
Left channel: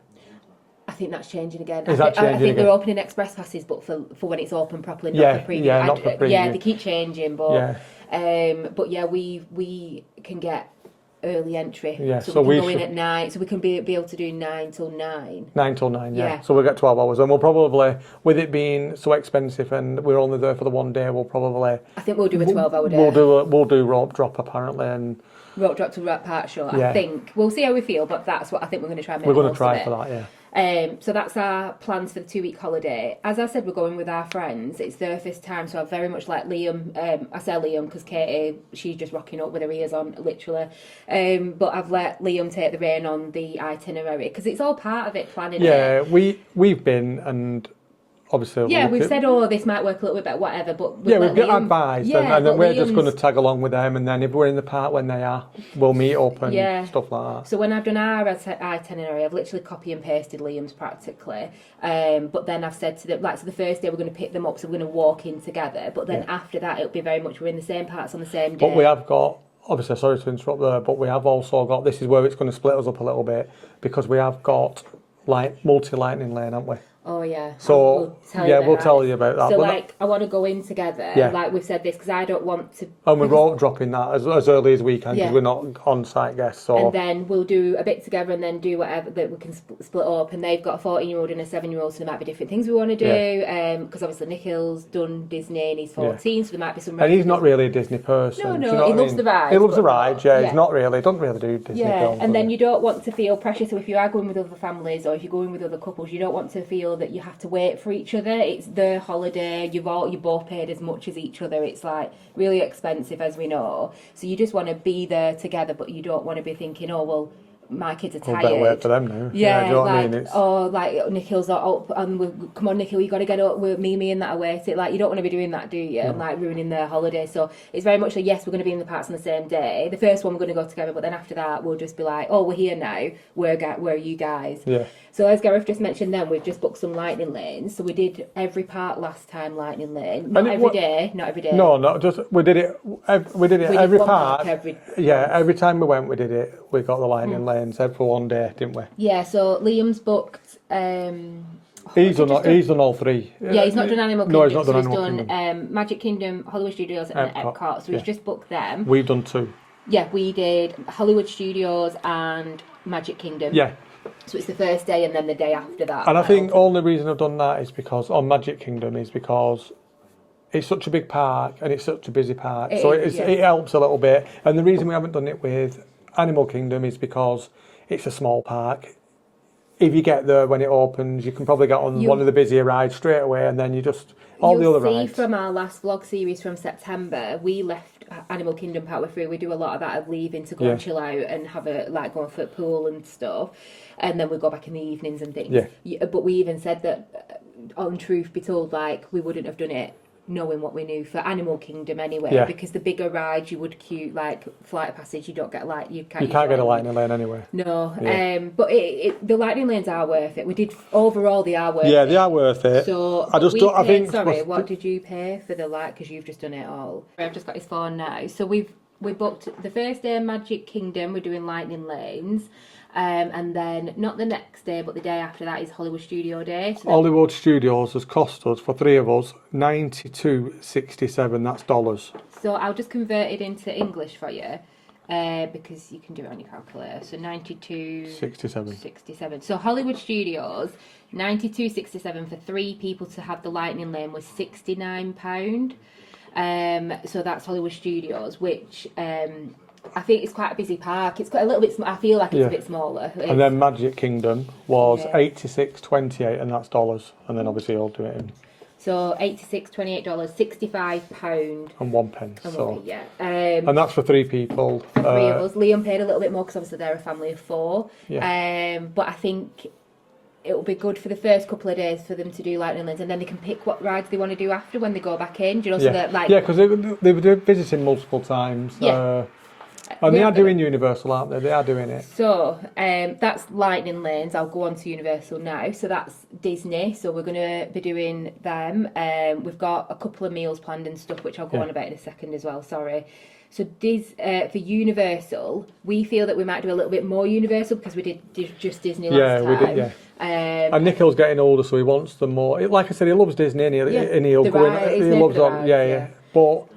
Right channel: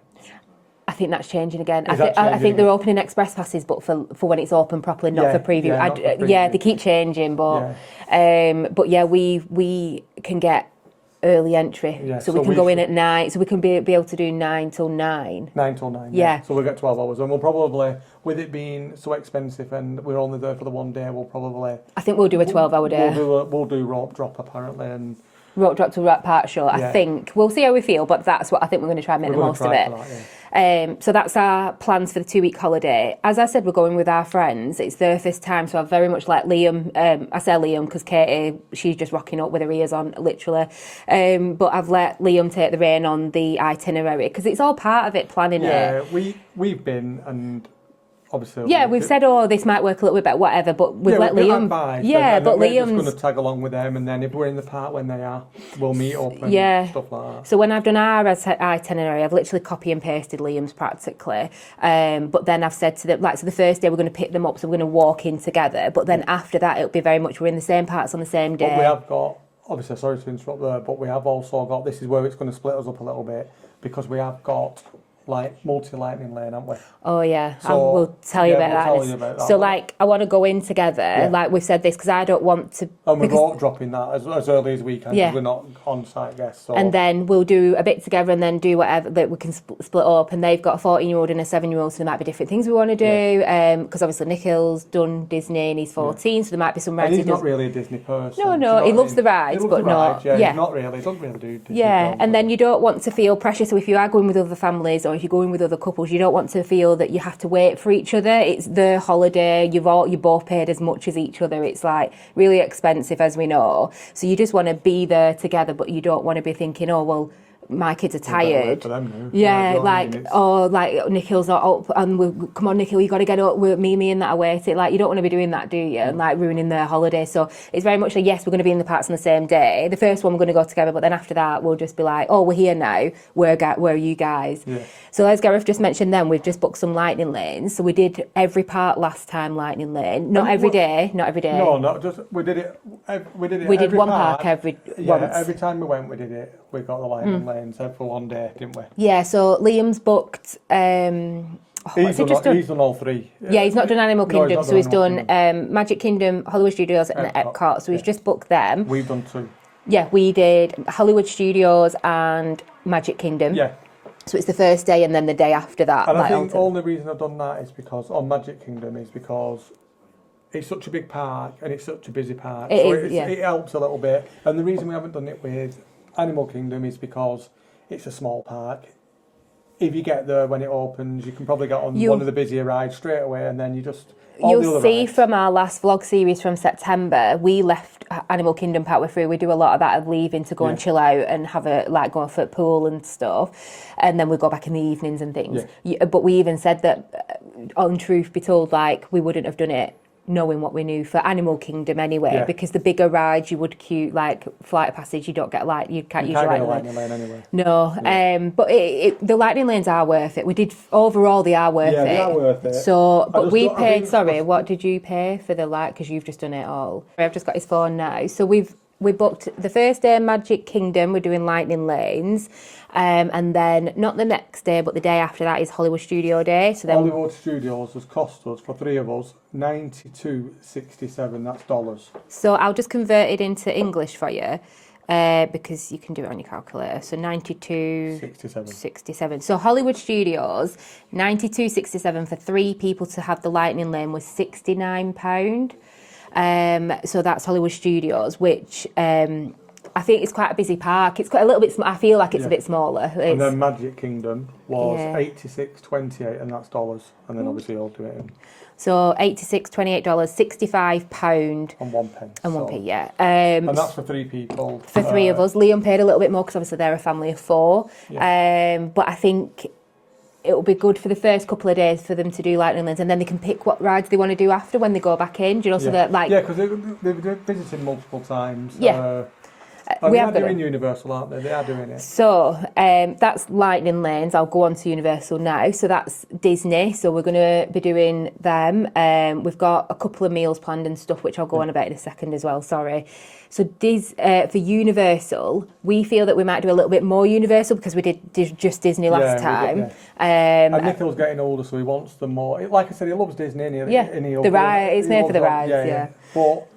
I think that's changing again. I think they're opening express passes, but for when it's open properly, not for preview. Yeah, not for preview. They keep changing, but we can get early entry, so we can go in at 9, so we can be able to do 9 till 9. 9 till 9, yeah. So we'll get 12 hours, and we'll probably, with it being so expensive and we're only there for the 1 day, we'll probably... I think we'll do a 12-hour day. We'll do rope drop, apparently, and... Rope drop to Rat Park Show, I think. We'll see how we feel, but that's what I think we're going to try and make the most of it. For that, yeah. So that's our plans for the 2-week holiday. As I said, we're going with our friends. It's their first time, so I've very much let Liam, I say Liam because Katie, she's just rocking up with her ears on, literally. But I've let Liam take the rein on the itinerary because it's all part of it, planning it. Yeah, we've been, and obviously... Yeah, we've said, this might work a little bit better, whatever, but we've let Liam... advice, and then we're just going to tag along with them, and then if we're in the park when they are, we'll meet up and stuff like that. So when I've done our itinerary, I've literally copy and pasted Liam's practically, but then I've said to them, so the first day we're going to pick them up, so we're going to walk in together, but then after that it'll be very much we're in the same parts on the same day. But we have got... Obviously, sorry to interrupt there, but we have also got... This is where it's going to split us up a little bit, because we have got... multi-lightning lane, haven't we? Oh yeah, so we'll tell you about that. We'll tell you about that. So I want to go in together, like we've said this, because I don't want to... And we're all dropping that as early as we can, because we're not on-site guests. So. And then we'll do a bit together and then do whatever, that we can split up, and they've got a 14-year-old and a 7-year-old, so there might be different things we want to do, because obviously Nikhil's done Disney and he's 14, so there might be some rides. And he's not really a Disney person. No, he loves the rides. He loves the rides, he's not really, he doesn't really do Disney films. And then you don't want to feel pressure, so if you are going with other families or if you're going with other couples, you don't want to feel that you have to wait for each other. It's their holiday, you both paid as much as each other. It's really expensive, as we know, so you just want to be there together, but you don't want to be thinking, oh well, my kids are tired. Wait for them now. Nikhil's not up, and come on, Nikhil, you got to get up. Mimi and that are waiting. You don't want to be doing that, do you? And ruining their holiday. So it's very much yes, we're going to be in the parks on the same day. The first one we're going to go together, but then after that we'll just be we're here now. Where are you guys? Yeah. So as Gareth just mentioned, then we've just booked some lightning lanes. So we did every park last time, lightning lane. Not every day. No, not just we did it. We did every one park every. Yeah, every time we went, we did it. We got the lightning lanes for one day, didn't we? Yeah. So Liam's booked. He's done all three. Yeah, he's not done Animal Kingdom, No, so he's done Magic Kingdom, Hollywood Studios, and Epcot. So he's just booked them. We've done 2. Yeah, we did Hollywood Studios and Magic Kingdom. Yeah. So it's the first day and then the day after that. And I think the only reason I've done that is because on Magic Kingdom is because it's such a big park and it's such a busy park. It helps a little bit. And the reason we haven't done it with Animal Kingdom is because it's a small park. If you get there when it opens, you can probably get on one of the busier rides straight away, and then you just... You'll see from our last vlog series from September, we left Animal Kingdom partway through. We do a lot of that of leaving to go and chill out and have go and foot pool and stuff, and then we go back in the evenings and things. Yeah. But we even said that, on truth be told, we wouldn't have done it knowing what we knew for Animal Kingdom anyway, because the bigger rides you would queue, Flight of Passage, you don't get you can't use get a lightning lane anyway. No, but the lightning lanes are worth it. We did overall, they are worth it. Yeah, they are worth it. So, but we paid. Sorry, what did you pay for the Because you've just done it all. I've just got his phone now. So we booked the first day of Magic Kingdom. We're doing lightning lanes. And then not the next day, but the day after that is Hollywood Studio Day. So Hollywood Studios has cost us, for 3 of us, $92.67. That's dollars. So I'll just convert it into English for you, because you can do it on your calculator. So 92.67. So Hollywood Studios, 92.67 for 3 people to have the lightning lane was £69. So that's Hollywood Studios, which. I think it's quite a busy park. It's quite a little bit. I feel like it's a bit smaller. And then Magic Kingdom was $86.28, and that's dollars. And then obviously I'll do it in. So $86.28, £65 and 1 pence. And 1 p, yeah. And that's for 3 people. For 3 of us. Liam paid a little bit more because obviously they're a family of 4. Yeah. But I think it will be good for the first couple of days for them to do lightning lanes, and then they can pick what rides they want to do after when they go back in. Do you know? So that because they were visiting multiple times. Yeah. And they are doing Universal, aren't they? They are doing it. So that's lightning lanes. I'll go on to Universal now. So that's Disney. So we're going to be doing them. We've got a couple of meals planned and stuff, which I'll go on about in a second as well. Sorry. So for Universal, we feel that we might do a little bit more Universal because we did just Disney last time. We did, and Nikhil's getting older, so he wants them more. Like I said, he loves Disney, and he'll the ride. It's made for the rides. Yeah. But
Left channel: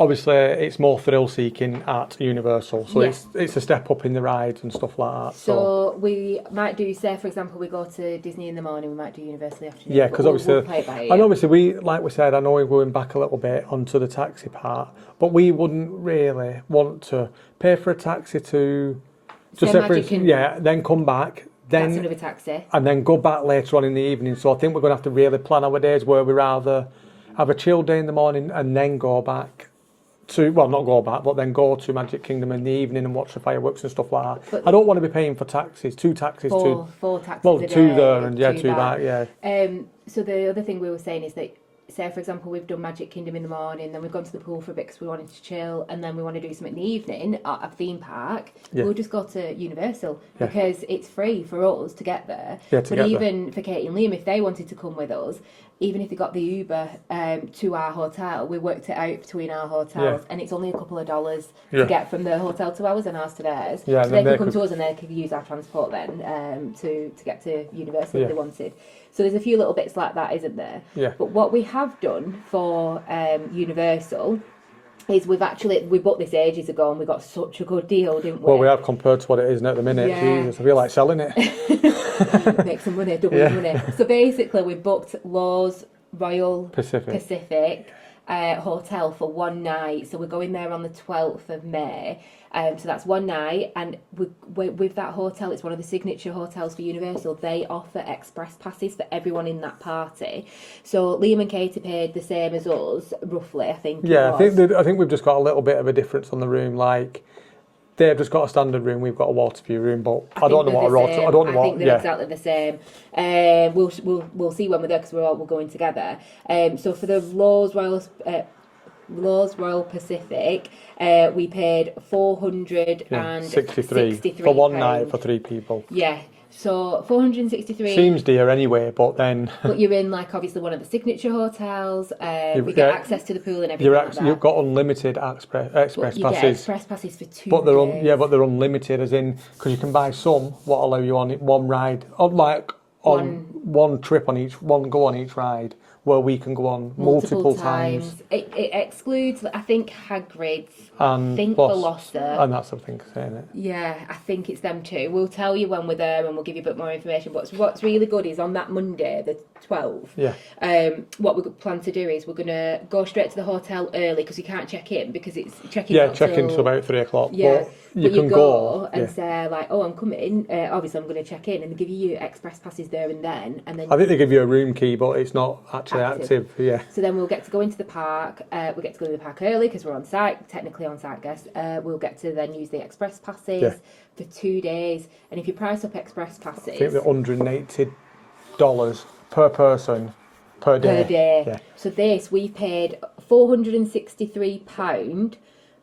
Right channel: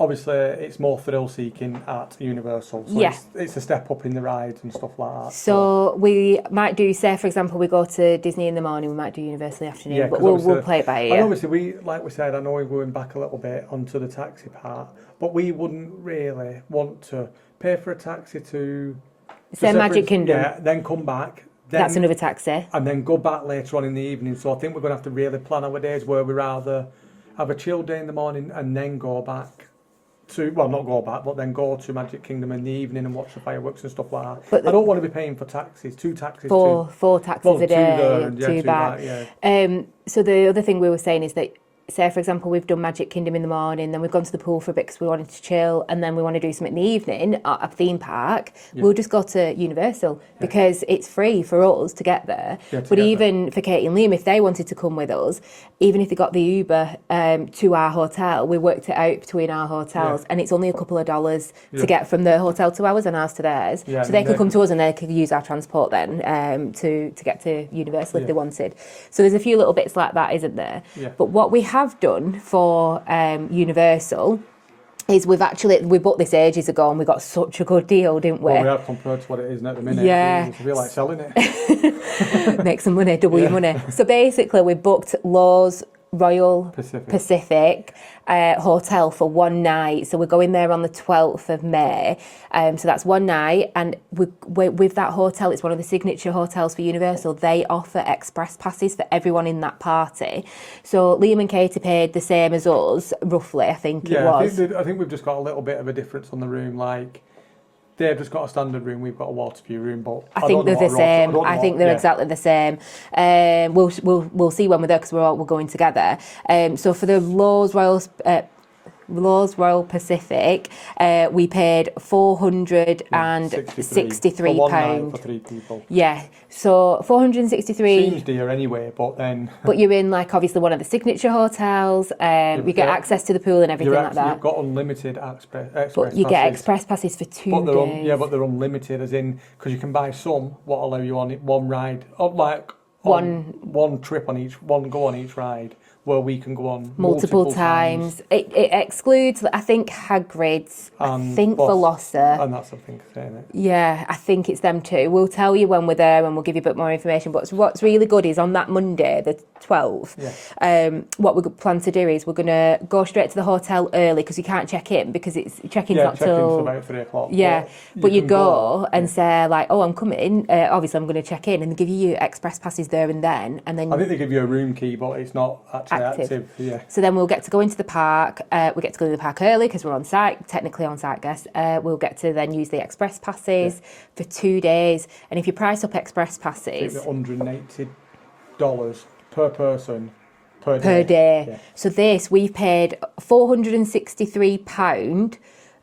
obviously, it's more thrill-seeking at Universal, so it's a step up in the rides and stuff like that. So we might do, say, for example, we go to Disney in the morning, we might do Universal in the afternoon, but we'll play it by ear. And obviously, like we said, I know we're going back a little bit onto the taxi part, but we wouldn't really want to pay for a taxi to... Say Magic Kingdom. Yeah, then come back. That's another taxi. And then go back later on in the evening, so I think we're going to have to really plan our days where we rather have a chill day in the morning and then go back to, well, not go back, but then go to Magic Kingdom in the evening and watch the fireworks and stuff like that. But I don't want to be paying for taxis, two taxis. Four taxis a day. Two there and two back, yeah. So the other thing we were saying is that, say, for example, we've done Magic Kingdom in the morning, then we've gone to the pool for a bit because we wanted to chill, and then we want to do something in the evening at a theme park, we'll just go to Universal because it's free for us to get there. But even for Katie and Liam, if they wanted to come with us, even if they got the Uber to our hotel, we worked it out between our hotels, and it's only a couple of dollars to get from the hotel to ours and ours to theirs. So they can come to us and they can use our transport then to get to Universal if they wanted. So there's a few little bits like that, isn't there? But what we have done for Universal is we bought this ages ago and we got such a good deal, didn't we? Well, we have compared to what it is at the minute. I feel like selling it. Make some money, double your money. So basically we booked Lowe's Royal Pacific hotel for one night. So we're going there on the 12th of May. So that's one night. And with that hotel, it's one of the signature hotels for Universal. They offer express passes for everyone in that party. So Liam and Katie paid the same as us, roughly, I think it was. I think we've just got a little bit of a difference on the room. Like, they've just got a standard room, we've got a water view room, but I think they're the same. I think they're exactly the same. We'll see when we're there because we're going together. So for the Lowe's Royal Pacific, we paid £463 for one night for 3 people. Yeah, so £463. Seems dear anyway, but then. But you're in obviously one of the signature hotels. You get access to the pool and everything like that. You've got unlimited express passes. You get express passes for 2 days. But they're unlimited, as in because you can buy some what allow you on one ride, one trip on each, one go on each ride. Where we can go on multiple times. It excludes, I think, Hagrid's, I think Veloster. And that's, I think, saying it. Yeah, I think it's them too. We'll tell you when we're there and we'll give you a bit more information. But what's really good is on that Monday, the 12th, what we plan to do is we're going to go straight to the hotel early because you can't check in because check-in's not till... check-in's about 3 o'clock. Yeah, but you go and say, oh, I'm coming. Obviously, I'm going to check in and give you express passes there and then. And then I think they give you a room key, but it's not actually active. So then we'll get to go into the park. We get to go to the park early because we're on site, technically on site guests. We'll get to then use the express passes for 2 days. And if you price up express passes, I think they're $180 per person per day. Yeah. So we've paid £463.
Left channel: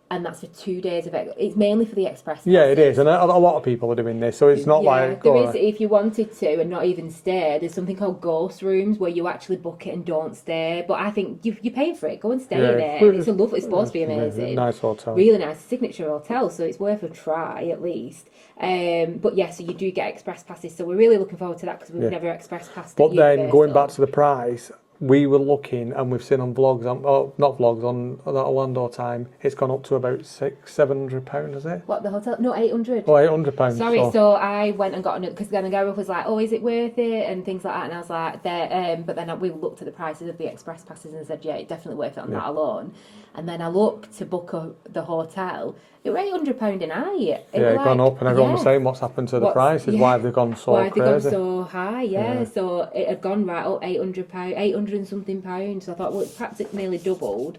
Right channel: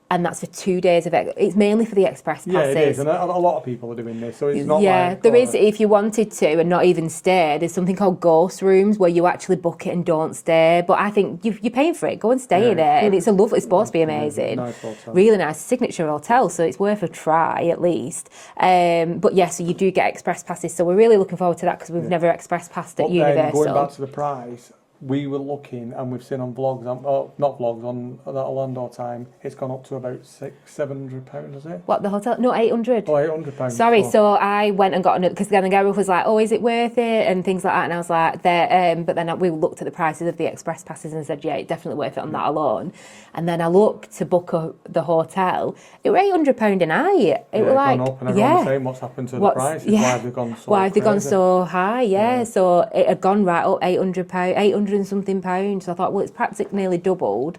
And that's for 2 days of it. It's mainly for the express passes. Yeah, it is, and a lot of people are doing this, so it's not there is, if you wanted to and not even stay, there's something called ghost rooms where you actually book it and don't stay. But I think you're paying for it. Go and stay in it, and it's supposed to be amazing. Nice hotel. Really nice, signature hotel, so it's worth a try at least. But so you do get express passes, so we're really looking forward to that because we've never express passed at Universal. Then going back to the price, we were looking, and we've seen on vlogs, not vlogs, on that Orlando time, it's gone up to about £700, is it? What, the hotel? No, £800. Oh, £800. Sorry, so I went and got another, because then the guy was like, oh, is it worth it? And things like that, and I was like, but then we looked at the prices of the express passes and said, yeah, it's definitely worth it on that alone. And then I looked to book the hotel, it was £800 a night. It's gone up, and everyone was saying what's happened to the prices, why have they gone so Why have they gone so high, so it had gone right up £800, £800 and something pounds. So I thought, well, it's practically nearly doubled.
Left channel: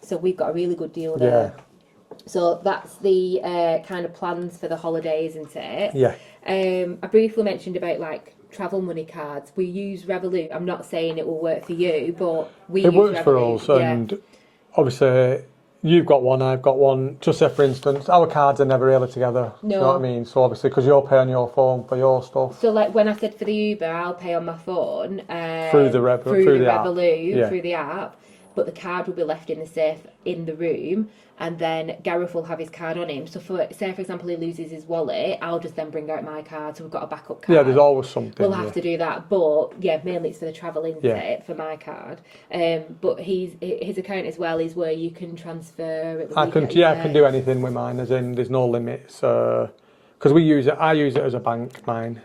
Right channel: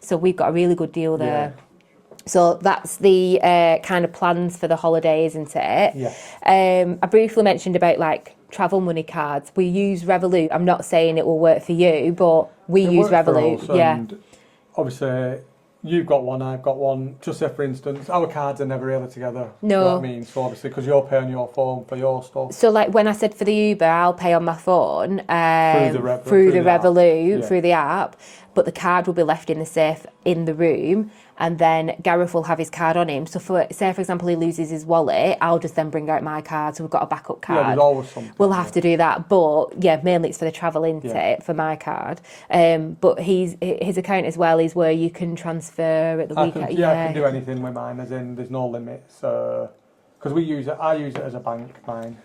So we've got a really good deal there. Yeah. So that's the kind of plans for the holiday, isn't it? Yeah. I briefly mentioned about travel money cards. We use Revolut. I'm not saying it will work for you, but we use Revolut. For us, and obviously you've got one, I've got one. Just say, for instance, our cards are never really together. No. You know what I mean? So obviously, because you'll pay on your phone for your stuff. So when I said for the Uber, I'll pay on my phone through the Revolut, through the app. But the card will be left in the safe in the room, and then Gareth will have his card on him. So for example, he loses his wallet, I'll just then bring out my card, so we've got a backup card. Yeah, there's always something. We'll have to do that, but mainly it's for the travel intake for my card. But his account as well is where you can transfer at the weekend. I can do anything with mine, as in there's no limits. Because I use it as a bank, mine.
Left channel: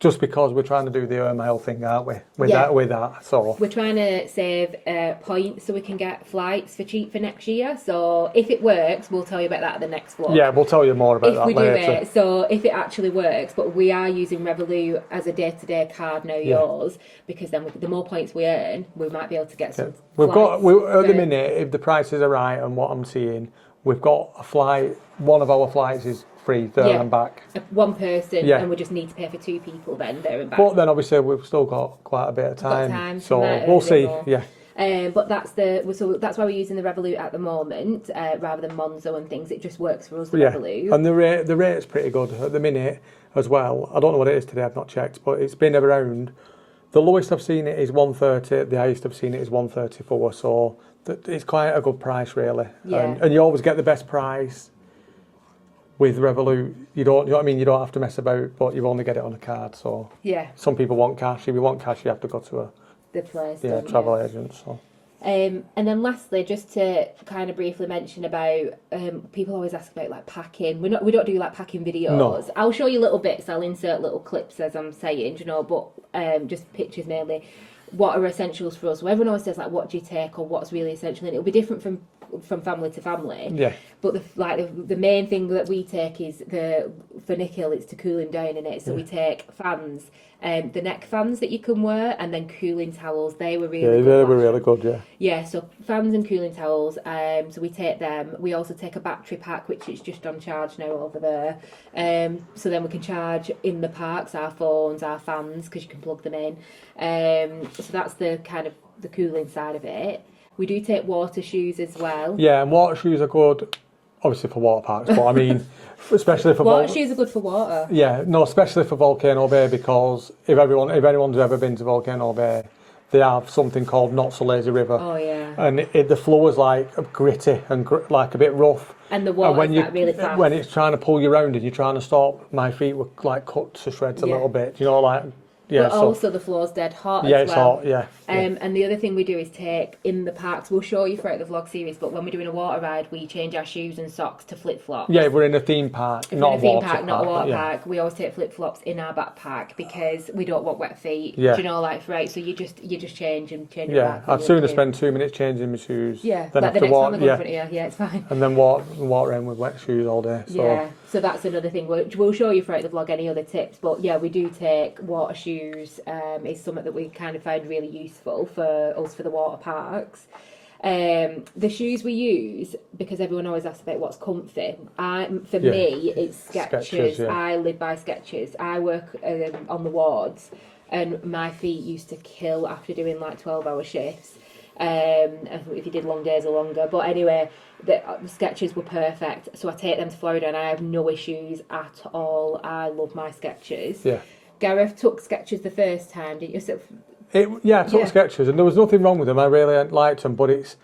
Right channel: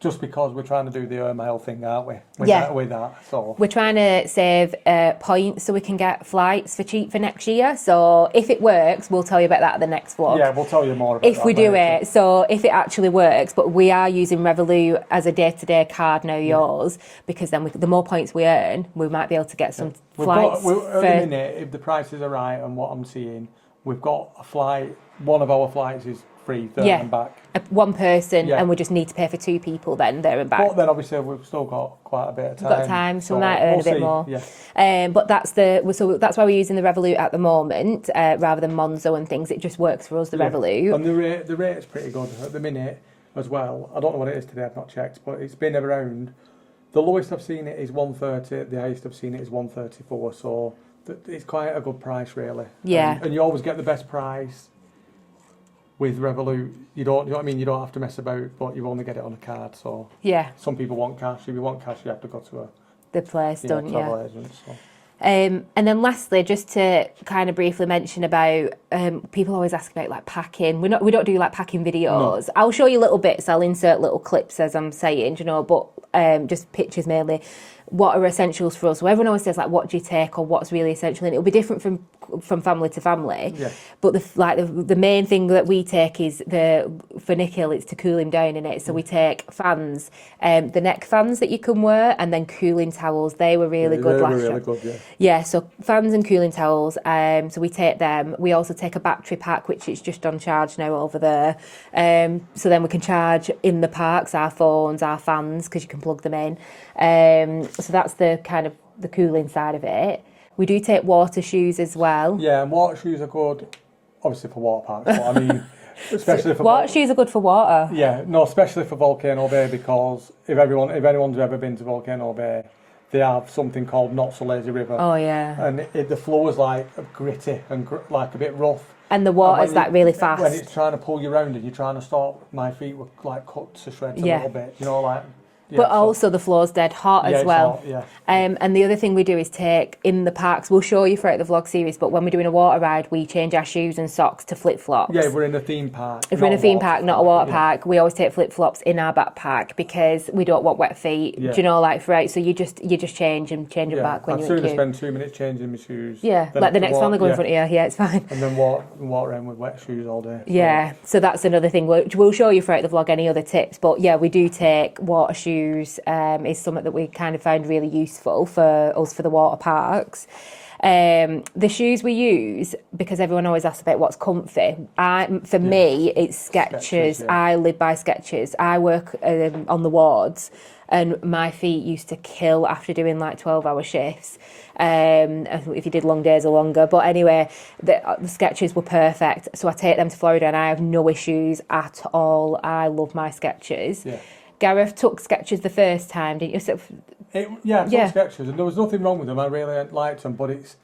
just because we're trying to do the mile thing, aren't we? With that, so we're trying to save points so we can get flights for cheap for next year. So if it works, we'll tell you about that at the next vlog. Yeah, we'll tell you more about that if we do it. So if it actually works, but we are using Revolut as a day-to-day card now, yours, because then the more points we earn, we might be able to get some flights. At the minute, if the prices are right and what I'm seeing, we've got a flight. One of our flights is free there and back. One person, and we just need to pay for 2 people then there and back. But then obviously we've still got quite a bit of time. So we might earn a bit more. Yeah. But that's that's why we're using the Revolut at the moment rather than Monzo and things. It just works for us, the Revolut. And the rate's pretty good at the minute as well. I don't know what it is today, I've not checked, but it's been around. The lowest I've seen it is 130, the highest I've seen it is 134, so it's quite a good price really. Yeah. And you always get the best price with Revolut. You know what I mean? You don't have to mess about, but you only get it on a card. So some people want cash. If you want cash, you have to go to the place, travel agent. So. And then lastly, just to kind of briefly mention about, people always ask about like packing. We don't do like packing videos. No. I'll show you little bits. I'll insert little clips as I'm saying, but just pictures mainly. What are essentials for us? So everyone always says like, what do you take or what's really essential? And it'll be different from family to family. Yeah. But the main thing that we take is for Nikhil, it's to cool him down in it. So we take fans, the neck fans that you can wear, and then cooling towels. They were really good last year. Really good, yeah. Yeah, so fans and cooling towels. So we take them. We also take a battery pack, which is just on charge now over there. So then we can charge in the parks our phones, our fans, because you can plug them in. So that's the kind of the cooling side of it. We do take water shoes as well. Yeah, and water shoes are good, obviously for water parks, but I mean, especially for water shoes are good for water. Yeah, no, especially for Volcano Bay, because if anyone's ever been to Volcano Bay, they have something called Not So Lazy River. Oh yeah. And the floor is like gritty and like a bit rough. And the water's like really fast. When it's trying to pull you around and you're trying to stop, my feet were like cut to shreds a little bit. You know, like. Yeah, but also the floor's dead hot as well. It's hot, and the other thing we do is take in the parks. We'll show you throughout the vlog series, but when we're doing a water ride, we change our shoes and socks to flip flops. Yeah, if we're in a theme park. If we're in a theme park, not a water park, we always take flip flops in our backpack because we don't want wet feet. Yeah. Do you know, like right? So you just change them back. Yeah, I'd sooner spend 2 minutes changing my shoes. Yeah, like the next family go in front of you. Yeah, it's fine. And then walk around with wet shoes all day. So. Yeah, so that's another thing. We'll show you throughout the vlog any other tips, but yeah, we do take water shoes. Is something that we kind of found really useful for us for the water parks. The shoes we use, because everyone always asks about what's comfy. For me, it's Skechers. I live by Skechers. I work on the wards, and my feet used to kill after doing like 12-hour shifts. If you did long days or longer. But anyway, the Skechers were perfect. So I take them to Florida and I have no issues at all. I love my Skechers. Yeah. Gareth took Skechers the first time, didn't you? I took Skechers, and there was nothing wrong with them. I really liked them, but it's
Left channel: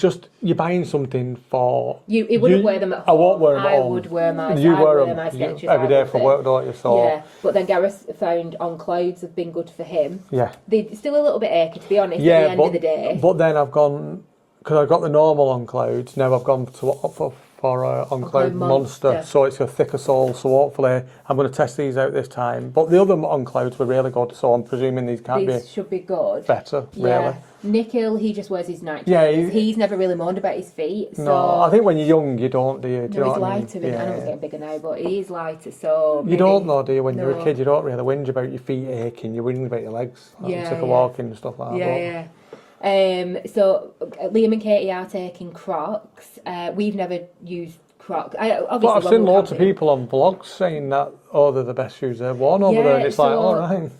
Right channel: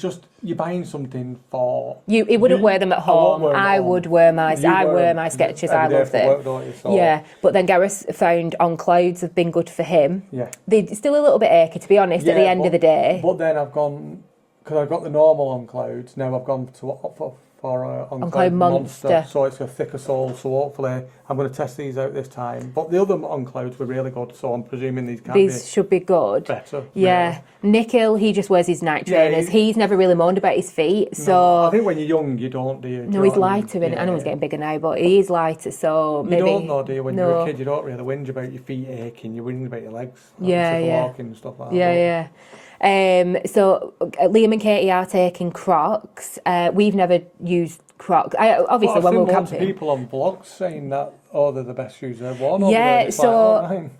just you're buying something for you. He wouldn't wear them at home. I would wear my Skechers. I every day love for them. work, don't you? So. Yeah, but then Gareth found on clouds have been good for him. Yeah, they're still a little bit achy, to be honest. At the end of the day. But then I've gone because I've got the normal on clouds. Now I've gone for on Cloud Monster, so it's a thicker sole. So hopefully I'm going to test these out this time. But the other on clouds were really good, so I'm presuming these should be good. Better. Yeah, really. Nikhil, he just wears his night trainers. He's never really moaned about his feet. So no, I think when you're young, you don't, do you? No, he's lighter. I know he's getting bigger now, but he's lighter. So you don't know, do you? When you're a kid, you don't really whinge about your feet aching. You whinge about your legs. Walking and stuff like that. Yeah. So Liam and Katie are taking Crocs. We've never used Crocs. I've seen lots of people on vlogs saying that, they're the best shoes they've worn over there. And it's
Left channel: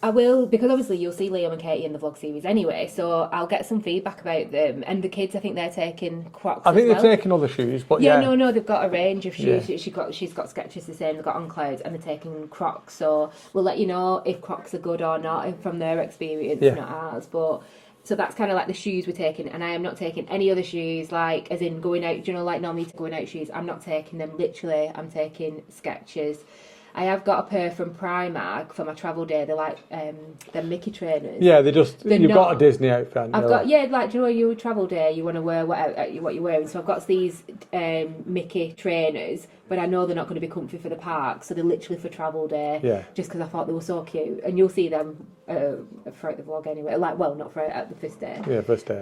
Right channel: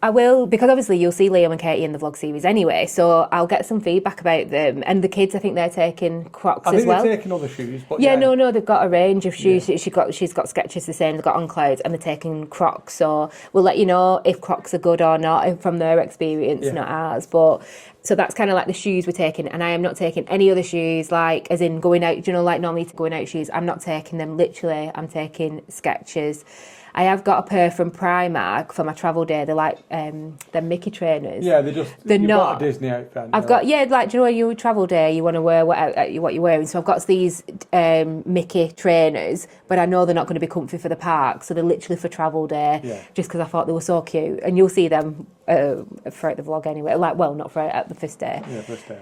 I will, because obviously you'll see Liam and Katie in the vlog series anyway, so I'll get some feedback about them. And the kids, I think they're taking Crocs as well. I think they're taking other shoes, but no, they've got a range of shoes. Yeah. She's got Skechers the same, they've got on clouds, and they're taking Crocs. So we'll let you know if Crocs are good or not from their experience, not ours. But so that's kind of like the shoes we're taking, and I am not taking any other shoes, like as in going out, like normally going out shoes. I'm not taking them. Literally, I'm taking Skechers. I have got a pair from Primark for my travel day. They're like they're Mickey trainers. Yeah, they're you've got a Disney outfit. I've got like, do you know, your travel day, you want to wear what you're wearing. So I've got these Mickey trainers, but I know they're not going to be comfy for the park, so they're literally for travel day. Yeah. Just because I thought they were so cute, and you'll see them throughout the vlog anyway. Like, well, not throughout at the first day. Yeah, first day.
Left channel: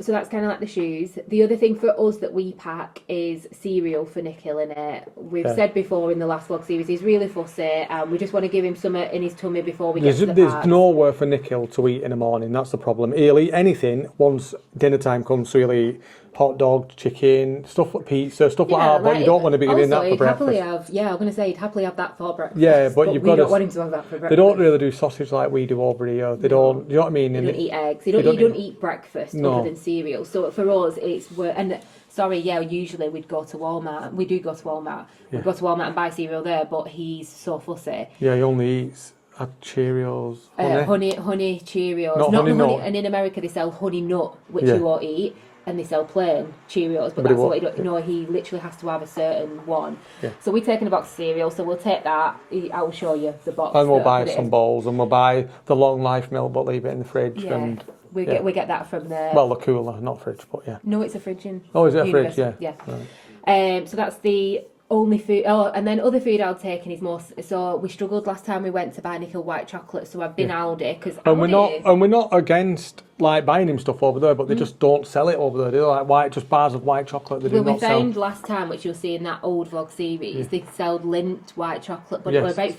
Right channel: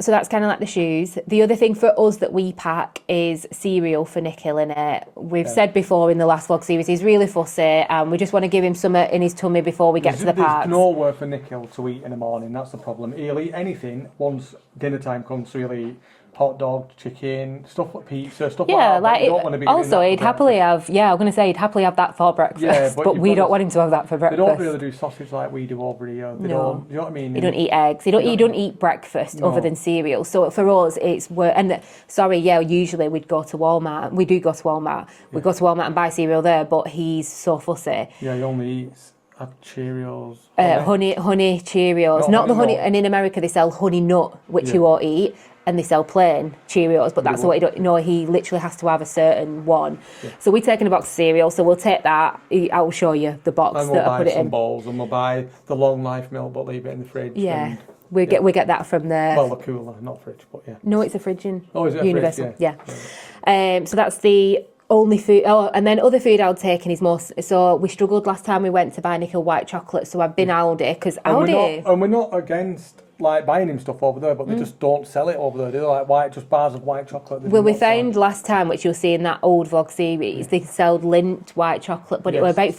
So that's kind of like the shoes. The other thing for us that we pack is cereal for Nikhil in it. We've said before in the last vlog series, he's really fussy, and we just want to give him some in his tummy before we get to the park. There's nowhere for Nikhil to eat in the morning. That's the problem. He'll eat anything once dinner time comes. So he'll eat hot dog, chicken, stuff like pizza, stuff like that. But you don't want to be giving that for he'd happily have. Yeah, I'm going to say he'd happily have that for breakfast. Yeah, but we don't want him to have that for breakfast. They don't really do sausage like we do over here. They don't. You know what I mean? They don't eat eggs. They don't eat breakfast other than cereal. So for us, it's usually we'd go to Walmart. We do go to Walmart. We go to Walmart and buy cereal there. But he's so fussy. Yeah, he only eats Cheerios. Honey Cheerios. Not the honey. And in America they sell honey nut, which you won't eat. And they sell plain Cheerios, but that's what he don't. No, he literally has to have a certain one. Yeah. So we're taking a box of cereal, so we'll take that. I'll show you the box. And we'll buy some bowls, and we'll buy the long life milk, but leave it in the fridge. Yeah, and, we get that from the. Well, the cooler, not fridge, but yeah. No, it's a fridge in. Oh, is it Universal? A fridge? Yeah. Right. So that's the only food. Oh, and then other food I'll take, and is more. So we struggled last time we went to buy Nikhil white chocolate. So I've been Aldi because Aldi. And we're not against like buying him stuff over there, but they just don't sell it over there. They're like just bars of white chocolate. They we found last time, which you'll see in that old vlog series, they sold Lindt white chocolate, but it was about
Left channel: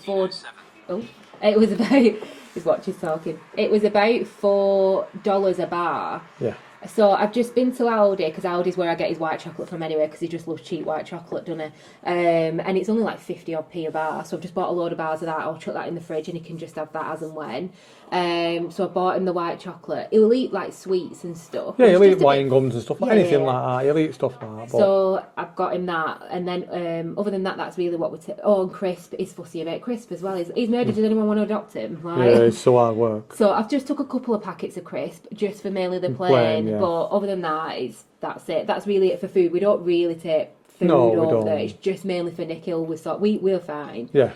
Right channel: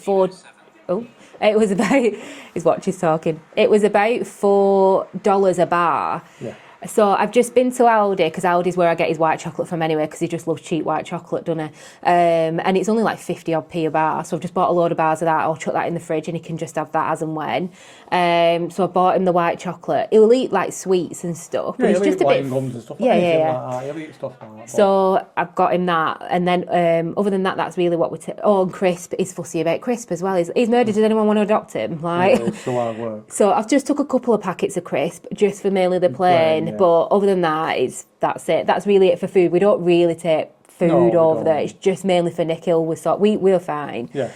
it was about. His watch is talking. It was about $4 a bar. Yeah. So I've just been to Aldi, because Aldi's where I get his white chocolate from anyway, because he just loves cheap white chocolate, doesn't he? And it's only like 50 odd p a bar, so I've just bought a load of bars of that. I'll chuck that in the fridge and he can just have that as and when. So I bought him the white chocolate. He'll eat like sweets and stuff. Yeah, he'll eat wine gums and stuff, anything like that. He'll eat stuff like that. But... So I've got him that, and then other than that, that's really what we take. Oh, and Crisp, he's fussy about Crisp as well. He's murdered. Does anyone want to adopt him? Like, yeah, it's so hard work. So I've just took a couple of packets of Crisp, just for mainly the plain. But other than that, that's it. That's really it for food. We don't really take food over there. It's just mainly for Nikhil. We're fine. Yeah.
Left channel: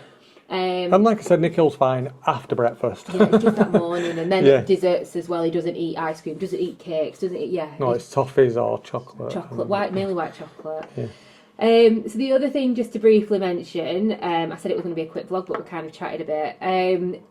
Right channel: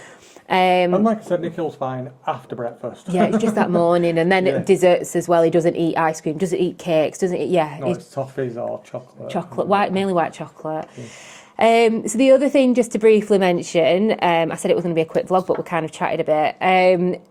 And like I said, Nikhil's fine after breakfast. Yeah, it's just that morning, and then desserts as well. He doesn't eat ice cream, doesn't eat cakes, doesn't eat. Yeah. No, it's toffees or chocolate. Chocolate, mainly white chocolate. Yeah. So the other thing, just to briefly mention, I said it was going to be a quick vlog, but we kind of chatted a bit,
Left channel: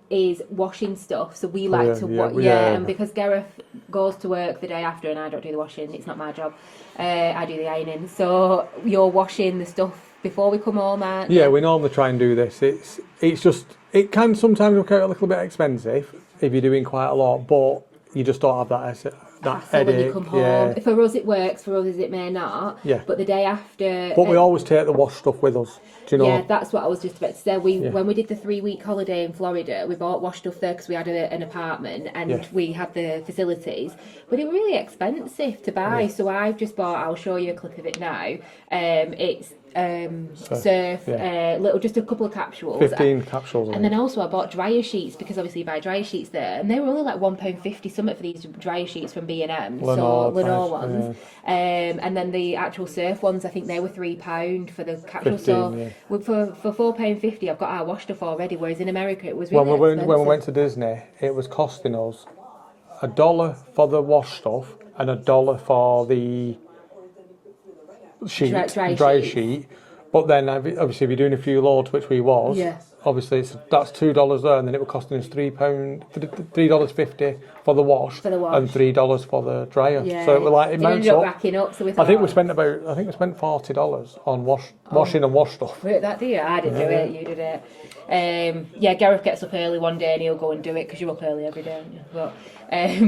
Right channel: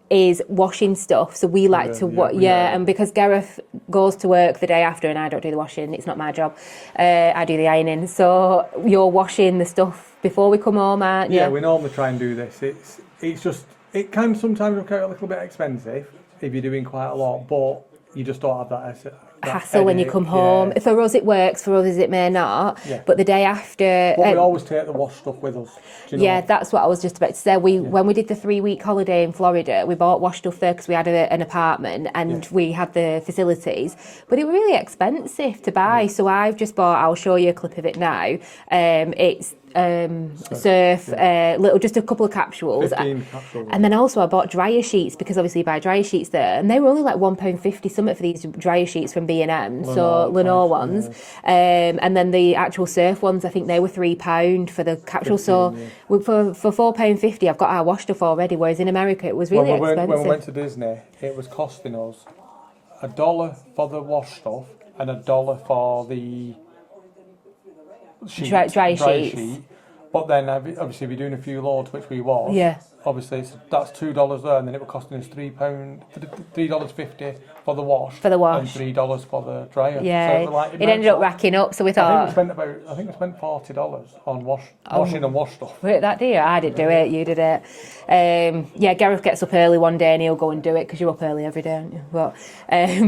is washing stuff. So we like to and because Gareth goes to work the day after and I don't do the washing, it's not my job, I do the ironing. So you're washing the stuff before we come home, aren't you? Yeah, we normally try and do this. It's just, it can sometimes work out a little bit expensive if you're doing quite a lot, but you just don't have that hassle when you come home. For us it works, for others it may not. Yeah. But the day after... But we always take the wash stuff with us. Do you know? Yeah, that's what I was just about to say. When we did the 3-week holiday in Florida, we bought wash stuff there because we had an apartment and we had the facilities. But it was really expensive to buy, so I've just bought, I'll show you a clip of it now. It's surf, just a couple of capsules. 15 capsules. And then also I bought dryer sheets, because obviously you buy dryer sheets there, and they were only like £1.50 something for these dryer sheets from B&M, so Lenore ones. And then the actual surf ones, I think they were £3 for the capsule. 15, so for £4.50 I've got our wash stuff already, whereas in America it was really expensive. When we went to Disney, it was costing us $1 for the wash stuff and $1 for the dry sheet. But then obviously if you're doing a few loads, which we was, obviously that's $2 there, and then it was costing us $3.50 for the wash, and $3 for the dryer. Yeah. So it ended up racking up. So we thought, I think we spent $40 on washing and wash stuff. Right, that dear, I didn't do it. You did it. Gareth gets up early one day and he'll go and do it, because you're up early every day, aren't you? But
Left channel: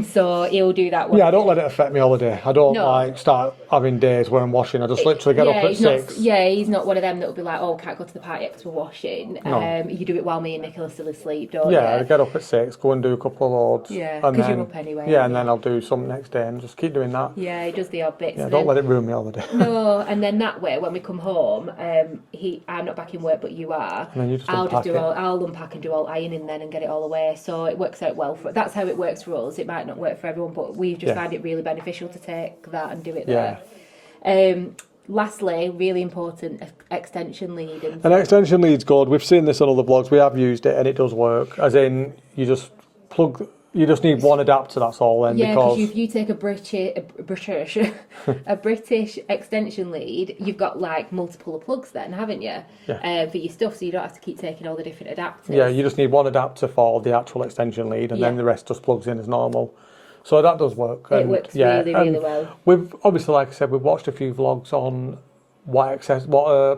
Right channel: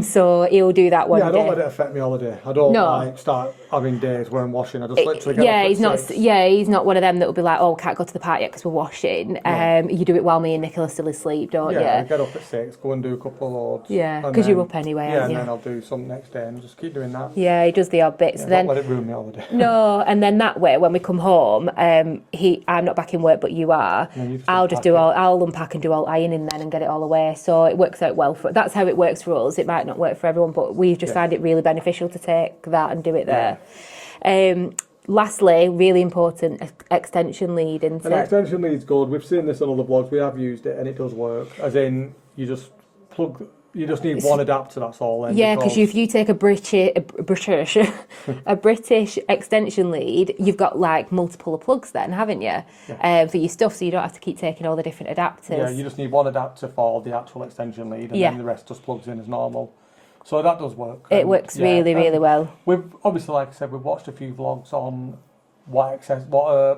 so he'll do that one day. I don't let it affect my holiday. I don't start having days where I'm washing. I just literally get up at 6. He's not one of them that will be like, oh, can't go to the park yet because we're washing. You do it while me and Nicola are still asleep, don't you? Yeah, I get up at 6, go and do a couple of loads. Yeah, because you're up anyway. Yeah, and then I'll do some next day and just keep doing that. Yeah, he does the odd bits. Yeah, don't let it ruin my holiday. No, and then that way, when we come home, I'm not back in work, but you are. I'll unpack and do all ironing then and get it all away. So it works out well that's how it works for us. It might not work for everyone, but we just find it really beneficial to take that and do it there. Yeah. Lastly, really important, extension lead. An extension lead's good. We've seen this on other vlogs. We have used it and it does work. As in, you just need one adapter, that's all then. Yeah, because if you take a British extension lead, you've got like multiple plugs then, haven't you? Yeah. For your stuff, so you don't have to keep taking all the different adapters. Yeah, you just need one adapter for the actual extension lead and then the rest just plugs in as normal. So that does work. It works really, really well. We've obviously, like I said, we've watched a few vlogs on what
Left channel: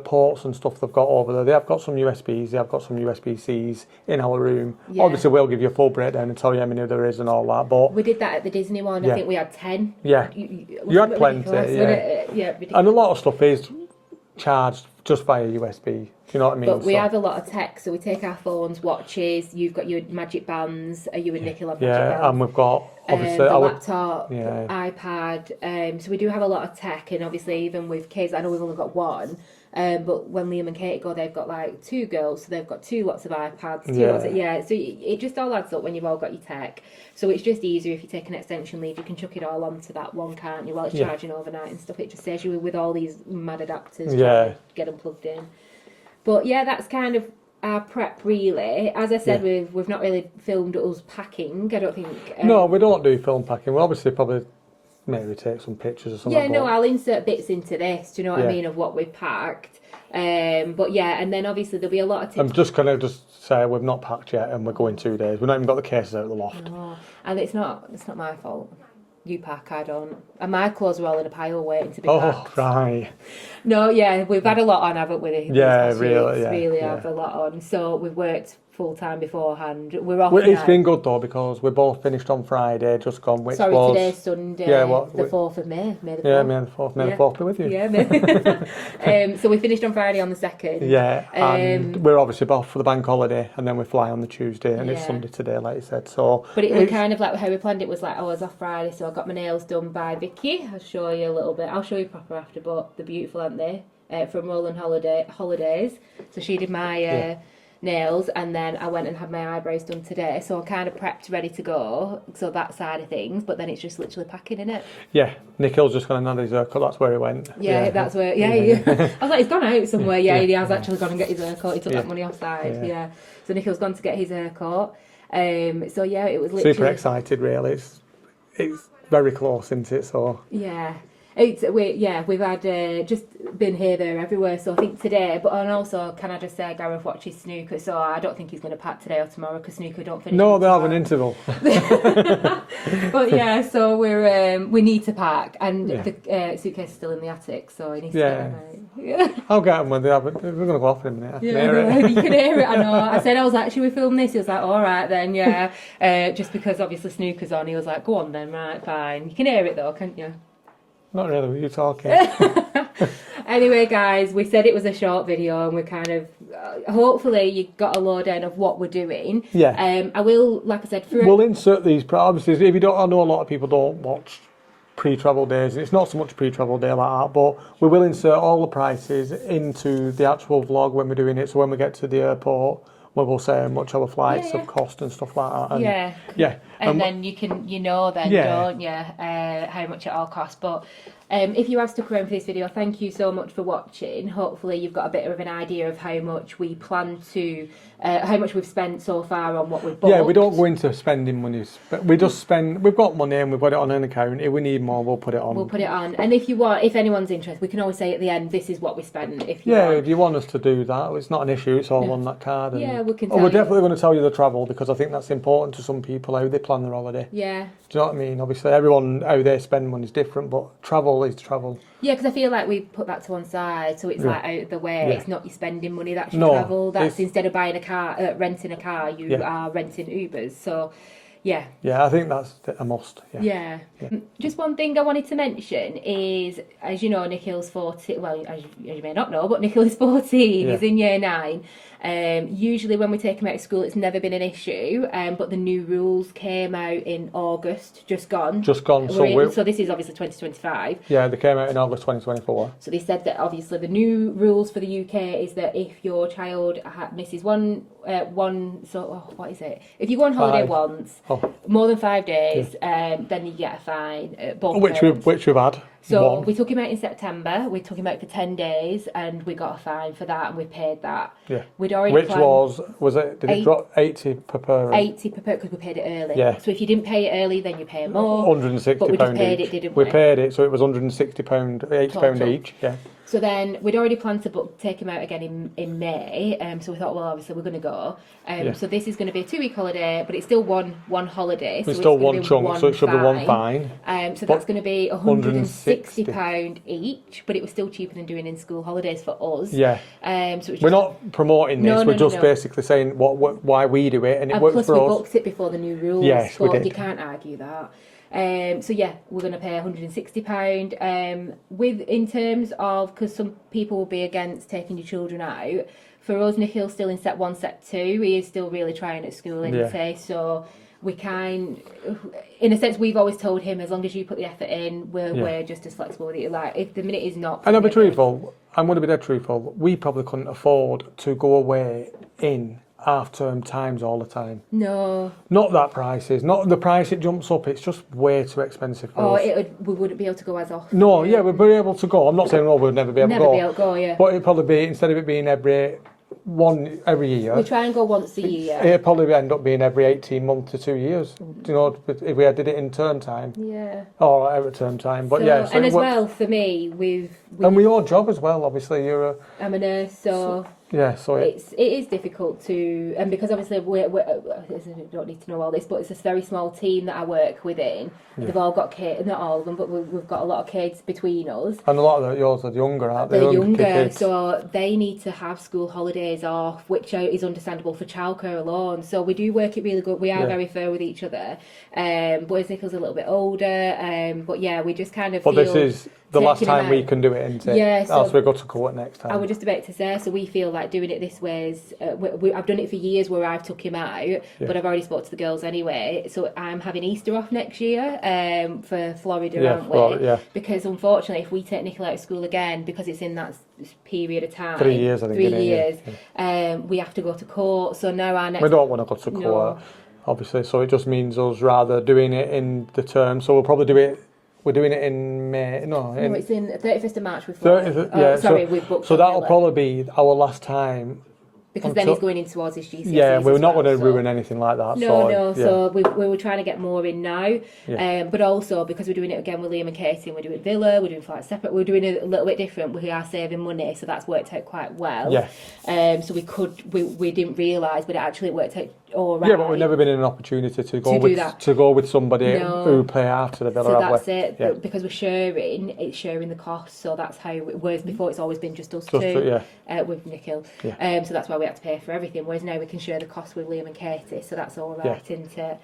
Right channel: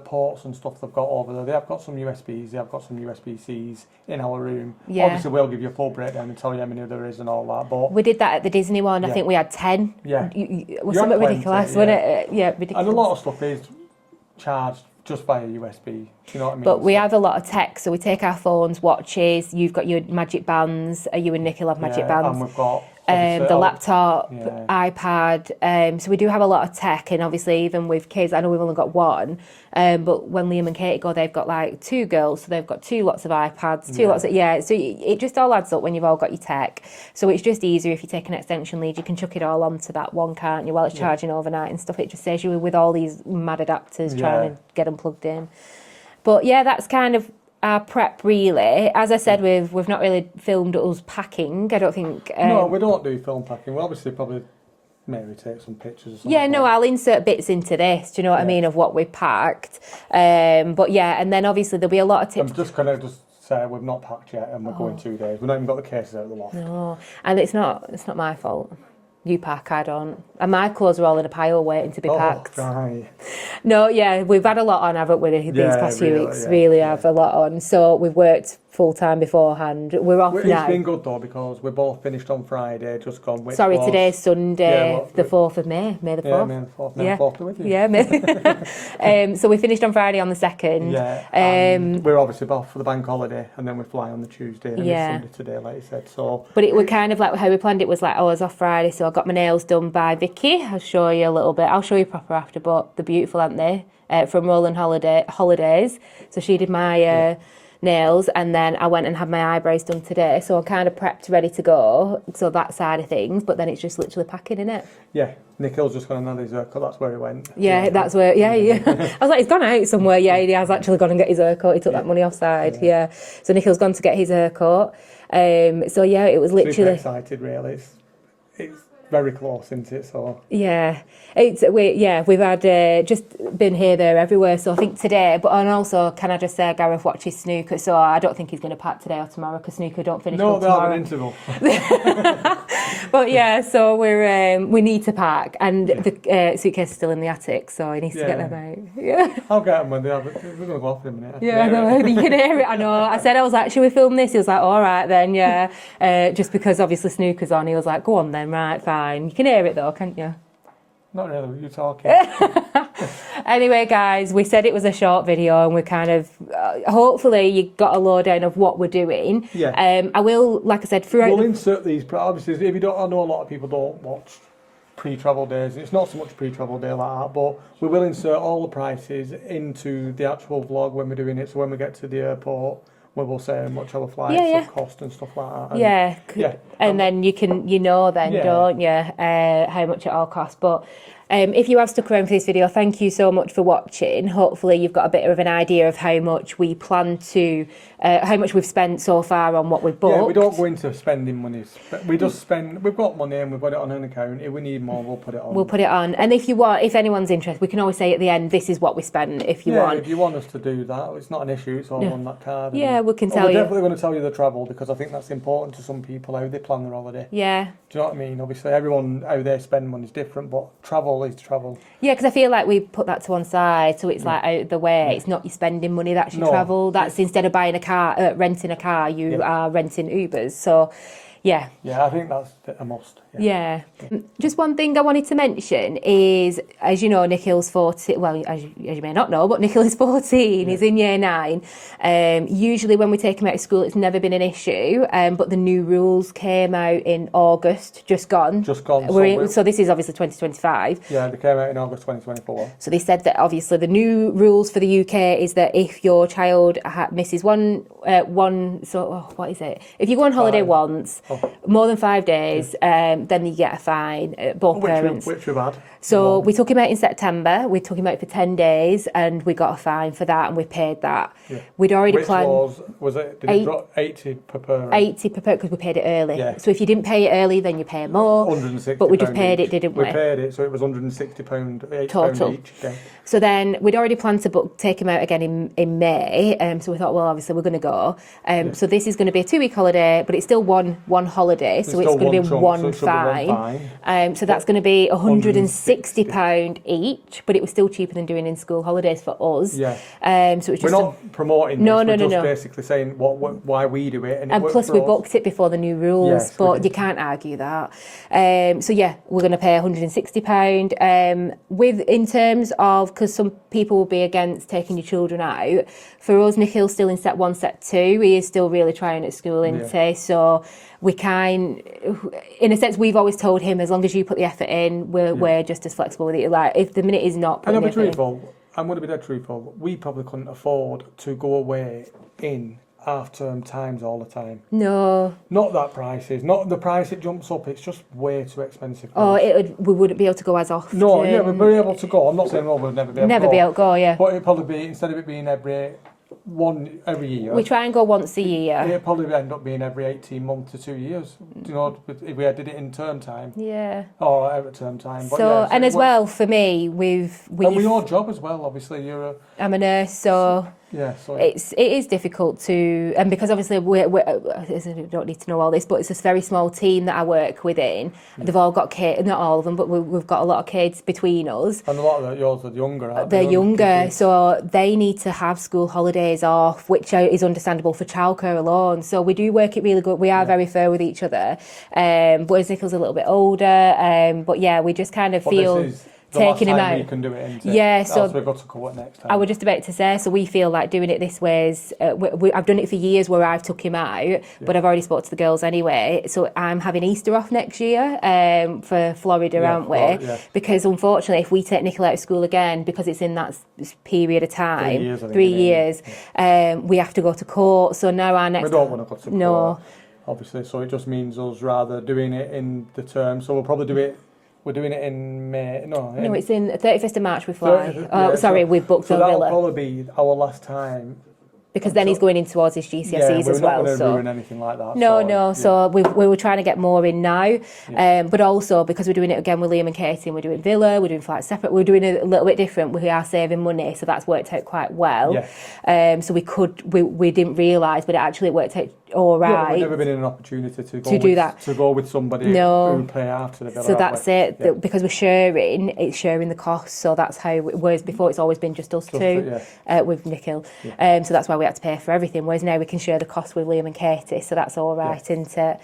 ports and stuff they've got over there. They have got some USBs, they have got some USB-Cs in our room. Yeah. Obviously, we'll give you a full breakdown and tell you how many there is and all that. But we did that at the Disney one. I think we had 10. Yeah. It was something ridiculous, wasn't it? Yeah, ridiculous. And a lot of stuff is charged just via USB. Do you know what I mean? But we have a lot of tech, so we take our phones, watches. You've got your magic bands. You and Nick will have magic bands. And we've got the laptop, iPad. So we do have a lot of tech, and obviously even with kids, I know we've only got one. But when Liam and Katie go, they've got like 2 girls, so they've got 2 lots of iPads, 2 lots of So it just all adds up when you've all got your tech. So it's just easier if you take an extension lead, you can chuck it all onto that one, can't you? While it's charging overnight and stuff. It just saves you with all these mad adapters trying to get them plugged in. But yeah, that's kind of our prep really. As I said, we've not really filmed us packing. I don't think. No, we don't do film packing. We'll obviously probably maybe take some pictures or something. Yeah, no, I'll insert bits into this. Do you know what I mean, of what we packed? But yeah, and then obviously there'll be a lot of tips. I'm just gonna say we've not packed yet, and we're going 2 days. We've not even got the cases out of the loft. No, and it's not my fault. You pack, I don't. And my clothes are all in a pile waiting to be packed. Right. No, yeah, we've had a lot on, haven't we, these past few weeks? Really have a lot on. So we've worked full-time beforehand. We're off now. It's been good, though, because we both finished on Friday, just gone, which today's Sunday, the 4th of May. May the 4th. Yeah, May the 4th. May the 4th be with you. Yeah, May. So we finished on Friday on the 2nd. Yeah, and we're obviously off for the bank holiday, and then we fly on the Tuesday, and it's Sunday today, like you said. So, but it was kind of like how we planned it was like, I was off Friday, so I got my nails done by Vicky. I'll show you a little bit. I'll show you proper after, but they're beautiful, aren't they? From Rolling Holidays. So she did my nails, and then I went and had my eyebrows done today, so I'm kind of prepped, ready to go. So that side of things, but then it's just literally packing, innit? Yeah, Nikhil's just gone and had his haircut. That's where he went. Yeah, that's where. Yeah. I was like, he's gone out somewhere. Yeah, he has actually gone and get his haircut. He took that money offside. Yeah. So Nikhil's gone to get his haircut. So yeah, it was literally super excited. Really, it's very close, isn't it? So yeah. We've had just been here, there, everywhere. So I think today, and also, can I just say, Gareth watches snooker, so I don't think he's going to pack today or tomorrow because snooker don't finish. No, they'll have an interval. But yeah, so we need to pack, and the suitcase is still in the attic, so he needs to get them out. Yeah, I'll get them when they have. We're going to go off in a minute. Yeah, I know, you can hear it. I know. I was like, should we film this? He was like, all right then, yeah. Just because obviously snooker's on, he was like, go on then, right, fine. You can hear it though, can't you? Not really, were you talking? Anyway, guys, we said it was a short video, and we're kind of, hopefully you got a lowdown of what we're doing. Yeah. I will, like I said, we'll insert these, obviously, if you don't, I know a lot of people don't watch pre-travel days. It's not so much pre-travel day like that, but we will insert all the prices into the actual vlog when we're doing it, so when we get to the airport, where we'll say how much our flights have cost and stuff like that. And, and then don't you, how much it all costs. But if you have stuck around for this video, thank you so much for watching. Hopefully you've got a bit of an idea of how much we plan to, how much we've spent so far on what we've booked. Yeah, we don't go into spending money. We just spend, we've got money and we put it on an account. If we need more, we'll put it on. We'll put it on. And if anyone's interested, we can always say at the end, this is what we spent if you want. Yeah, if you want us to do that, it's not an issue, it's all on that card. We can tell you. We're definitely going to tell you the travel, because I think that's important to some people, how they plan their holiday. Yeah. Do you know what I mean? Obviously, everyone, how they spend money is different, but travel is travel. Yeah, because I feel like we put that to one side, so it's like out of the way. It's not your spending money, that's your travel. That's instead of buying a car, renting a car, you are renting Ubers. So, yeah. Yeah, I think that's a must. Yeah. Just one thing I wanted to mention is, as you know, Nikhil's 14. Well, as you may not know, but Nikhil is 14. He's in year 9. Usually when we take him out of school, it's never been an issue. But the new rules came out in August, just gone. So this is obviously 2025. Yeah, they came out in August 2024. So they said that obviously the new rules for the UK is that if your child misses if you go on holiday once, more than 5 days, then you get a fine. Both parents. Which we've had. So we took him out in September. We took him out for 10 days, and we got a fine for that, and we paid that. Yeah. We'd already planned. Was it? Did it drop 80 per parent? 80 per parent because we paid it early. Yeah. So if you didn't pay it early, then you pay more. £160. But we just paid it, didn't we? We paid it, so it was £160, £80 each. Yeah. So then we'd already planned to take him out again in May. So we thought, well, obviously we're going to go. So this is going to be a 2-week holiday, but it's still one holiday. So it's going to be one fine. So that's going to be £160 each, but it was still cheaper than doing in-school holidays for us. Yeah. So it's we're not promoting this. We're just basically saying why we do it, and it works plus for we us. booked it before the new rules, yes, but you can't argue that. So yeah, we're going to pay £160. In terms of, because some people will be against taking your children out. For us, Nikhil's still in set 1, set 2. He is still really trying at school, isn't he? So we in a sense, we've always told him, as long as you put the effort in, we're just as flexible with it. Like, if the minute is not... And I'll be truthful, I'm going to be dead truthful, we probably couldn't afford to go away in half-term times all the time. No. Not that prices, not the price it jumps up, it's just way too expensive for us. We wouldn't be able to go as often. No, yeah, we'd be able to go. I'm not saying, we'd never be able to go. Never be able to go, yeah. But it'd probably be, instead of it being every year. We try and go once a year. It'd probably end up being every 18 months to 2 years. You know, if we did it in term time. Yeah. Or every term time. But so and as well, for me, and your job as well, obviously, I'm a nurse, so... Yeah, so it is difficult to, and because obviously I don't need to know all this, but it's this very small team that I work within. Yeah. They've all got kids, not all of them, but we've got a lot of kids between us. And a lot of yours are younger, aren't they? They're younger, so they need to have school holidays off, which is understandable for childcare alone. So we do work it really good. We are very fair with each other. Whereas Nicholas a little bit older, but yeah, we just kind of feel. This is the last time we can do it, isn't it? Yeah, so we've got to court next time. I was just about to say, so we feel like doing it this way is, I've done it for years where I've took him out, but I've already spoke to the girls anyway. So I'm having Easter off next year for Florida, aren't we? Yeah. Because unfortunately, if we take Nicola out of school again, because it's in that period of time, 3 years, I think 3 years, we have to go to court. So now our next... We don't want to go to court, obviously. So it just means us rather doing it in the term. So we'll probably do it... We're doing it in May. No, it's in 31st of March we fly. We've booked. So that'll probably be our last time. Because then he's going in towards his GCSEs as well. We're not going to ruin anything like that. No. So we were trying to get more in now. But also, because we're doing it again with Liam and Katie, and we're doing Villa, we're doing flights separate, we're doing it a little bit different. We are saving money, so that's worked out quite well. Yeah. So we didn't realise, but it actually worked out all right. Yeah, we've never been in an opportunity to go with somebody who play after the Villa. So that's it. Yeah. Because we're sharing, it's sharing the cost. So that's how it was before. It's always been just us two with Nikhil. Yeah. So that's why we had to pay for everything. Whereas now we can share the cost with Liam and Katie. So that's all right, isn't it?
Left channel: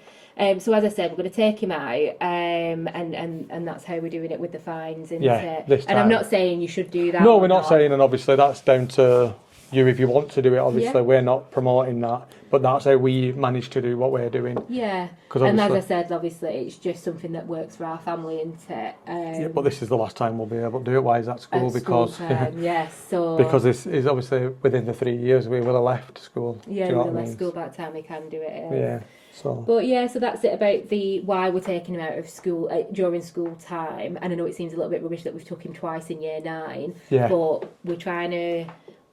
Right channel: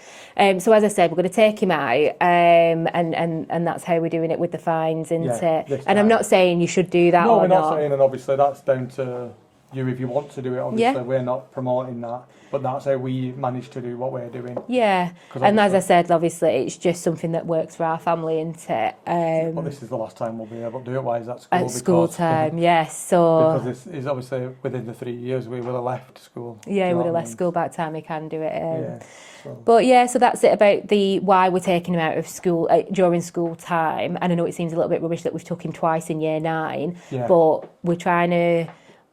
So as I said, we're going to take him out, and that's how we're doing it with the fines, isn't it? And I'm not saying you should do that. No, we're not saying, and obviously that's down to you if you want to do it. Obviously, we're not promoting that. But that's how we manage to do what we're doing. Yeah, and as I said, obviously, it's just something that works for our family, isn't it? But this is the last time we'll be able to do it. Why is that school? At school time, yes. So because this is obviously within the 3 years we will have left school. Yeah, we will have left school by the time we can do it. So. But so that's it about why we're taking him out of school during school time. And I know it seems a little bit rubbish that we've took him twice in year 9, but we're trying to.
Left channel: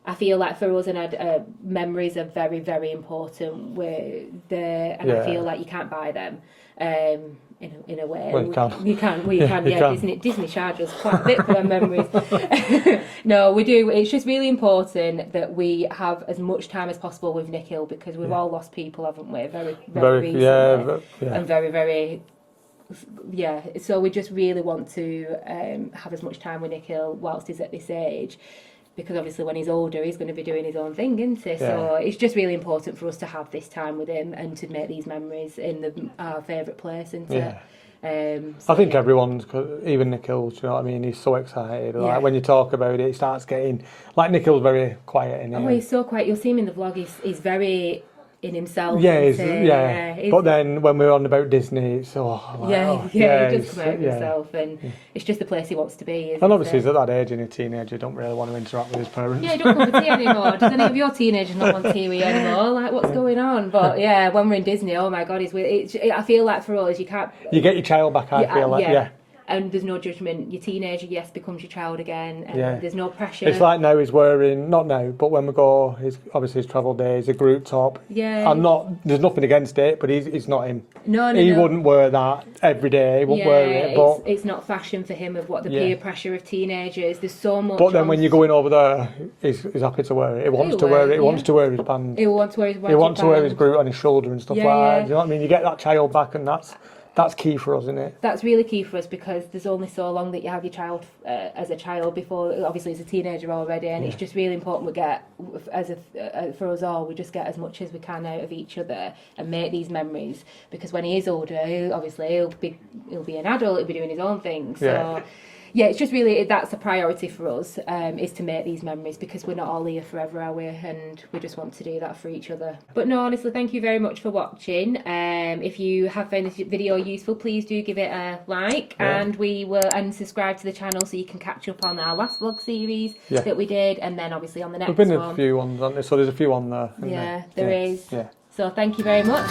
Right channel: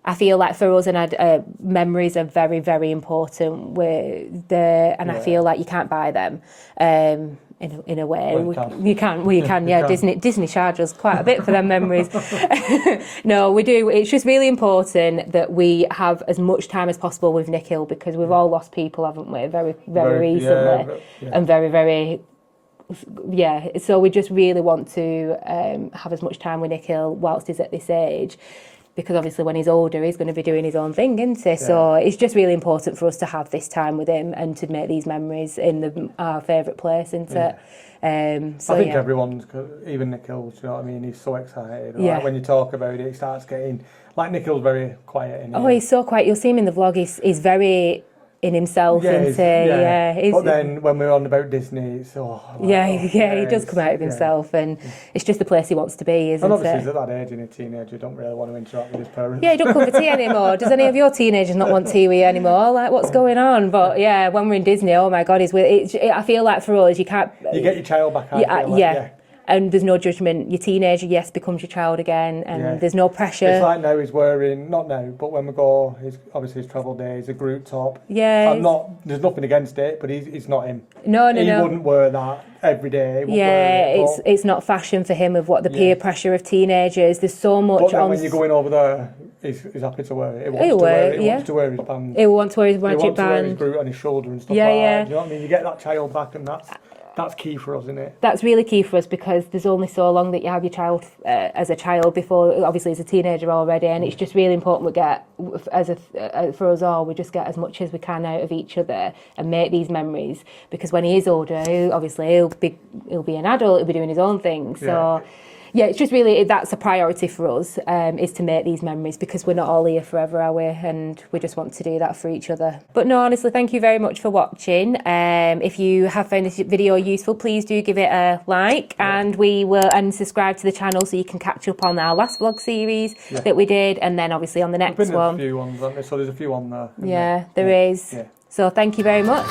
I feel like for us, and memories are very, very important. I feel like you can't buy them in a way. Well, you can. Yeah, Disney charges us quite a bit for them memories. No, we do. It's just really important that we have as much time as possible with Nikhil, because we've all lost people, haven't we? Very, very recently, and very, very. Yeah, so we just really want to have as much time with Nikhil whilst he's at this age. Because obviously when he's older, he's going to be doing his own thing, isn't he? Yeah. So it's just really important for us to have this time with him and to make these memories in our favourite place, isn't it? I think everyone's, even Nikhil, you know what I mean? He's so excited. Like when you talk about it, he starts getting... Like Nikhil's very quiet in here. He's so quiet. You'll see him in the vlog. He's very... in himself. But then when we're on about Disney, it's he does come out of himself, and it's just the place he wants to be, isn't it? And obviously he's at that age, in a teenager, don't really want to interact with his parents. Yeah, he don't come for tea anymore. Does any of your teenagers not want tea with you anymore? Like, what's going on? But when we're in Disney, oh my God, I feel like for us, you can't... You get your child back, I feel like, and there's no judgment. Your teenager, yes, becomes your child again, and there's no pressure. It's like now he's wearing, not now, but when we go, obviously his travel day is a group top. Yeah. There's nothing against it, but he's not in. No. He wouldn't wear that every day. It's not fashion for him of what the peer pressure of teenagers. There's so much. But then when you're going over there, he's happy to wear it. He wants to wear it. He wants to wear his band. He wants to wear his band. He wants to wear his group on his shoulder and stuff like that. Do you know what I mean? You get that child back, and that's key for us, isn't it? That's really key for us, because there's only so long that you have your child as a child before, obviously as a teenager already, and it's just really important we get, for us all, we just get as much as we can out of each other and make these memories, because when he is older, he'll be an adult, he'll be doing his own thing, so... Yeah, it's just really, that's a priority for us, is to make these memories, because we're not all here forever, are we? And we just want to do that for each other. But no, honestly, thank you very much for watching. If you have found this video useful, please do give it a like, and subscribe to the channel so you can catch up on our last vlog series that we did, and then obviously on the next one. There's been a few ones, haven't there? So there's a few on there. There is. Yeah. So thank you very much.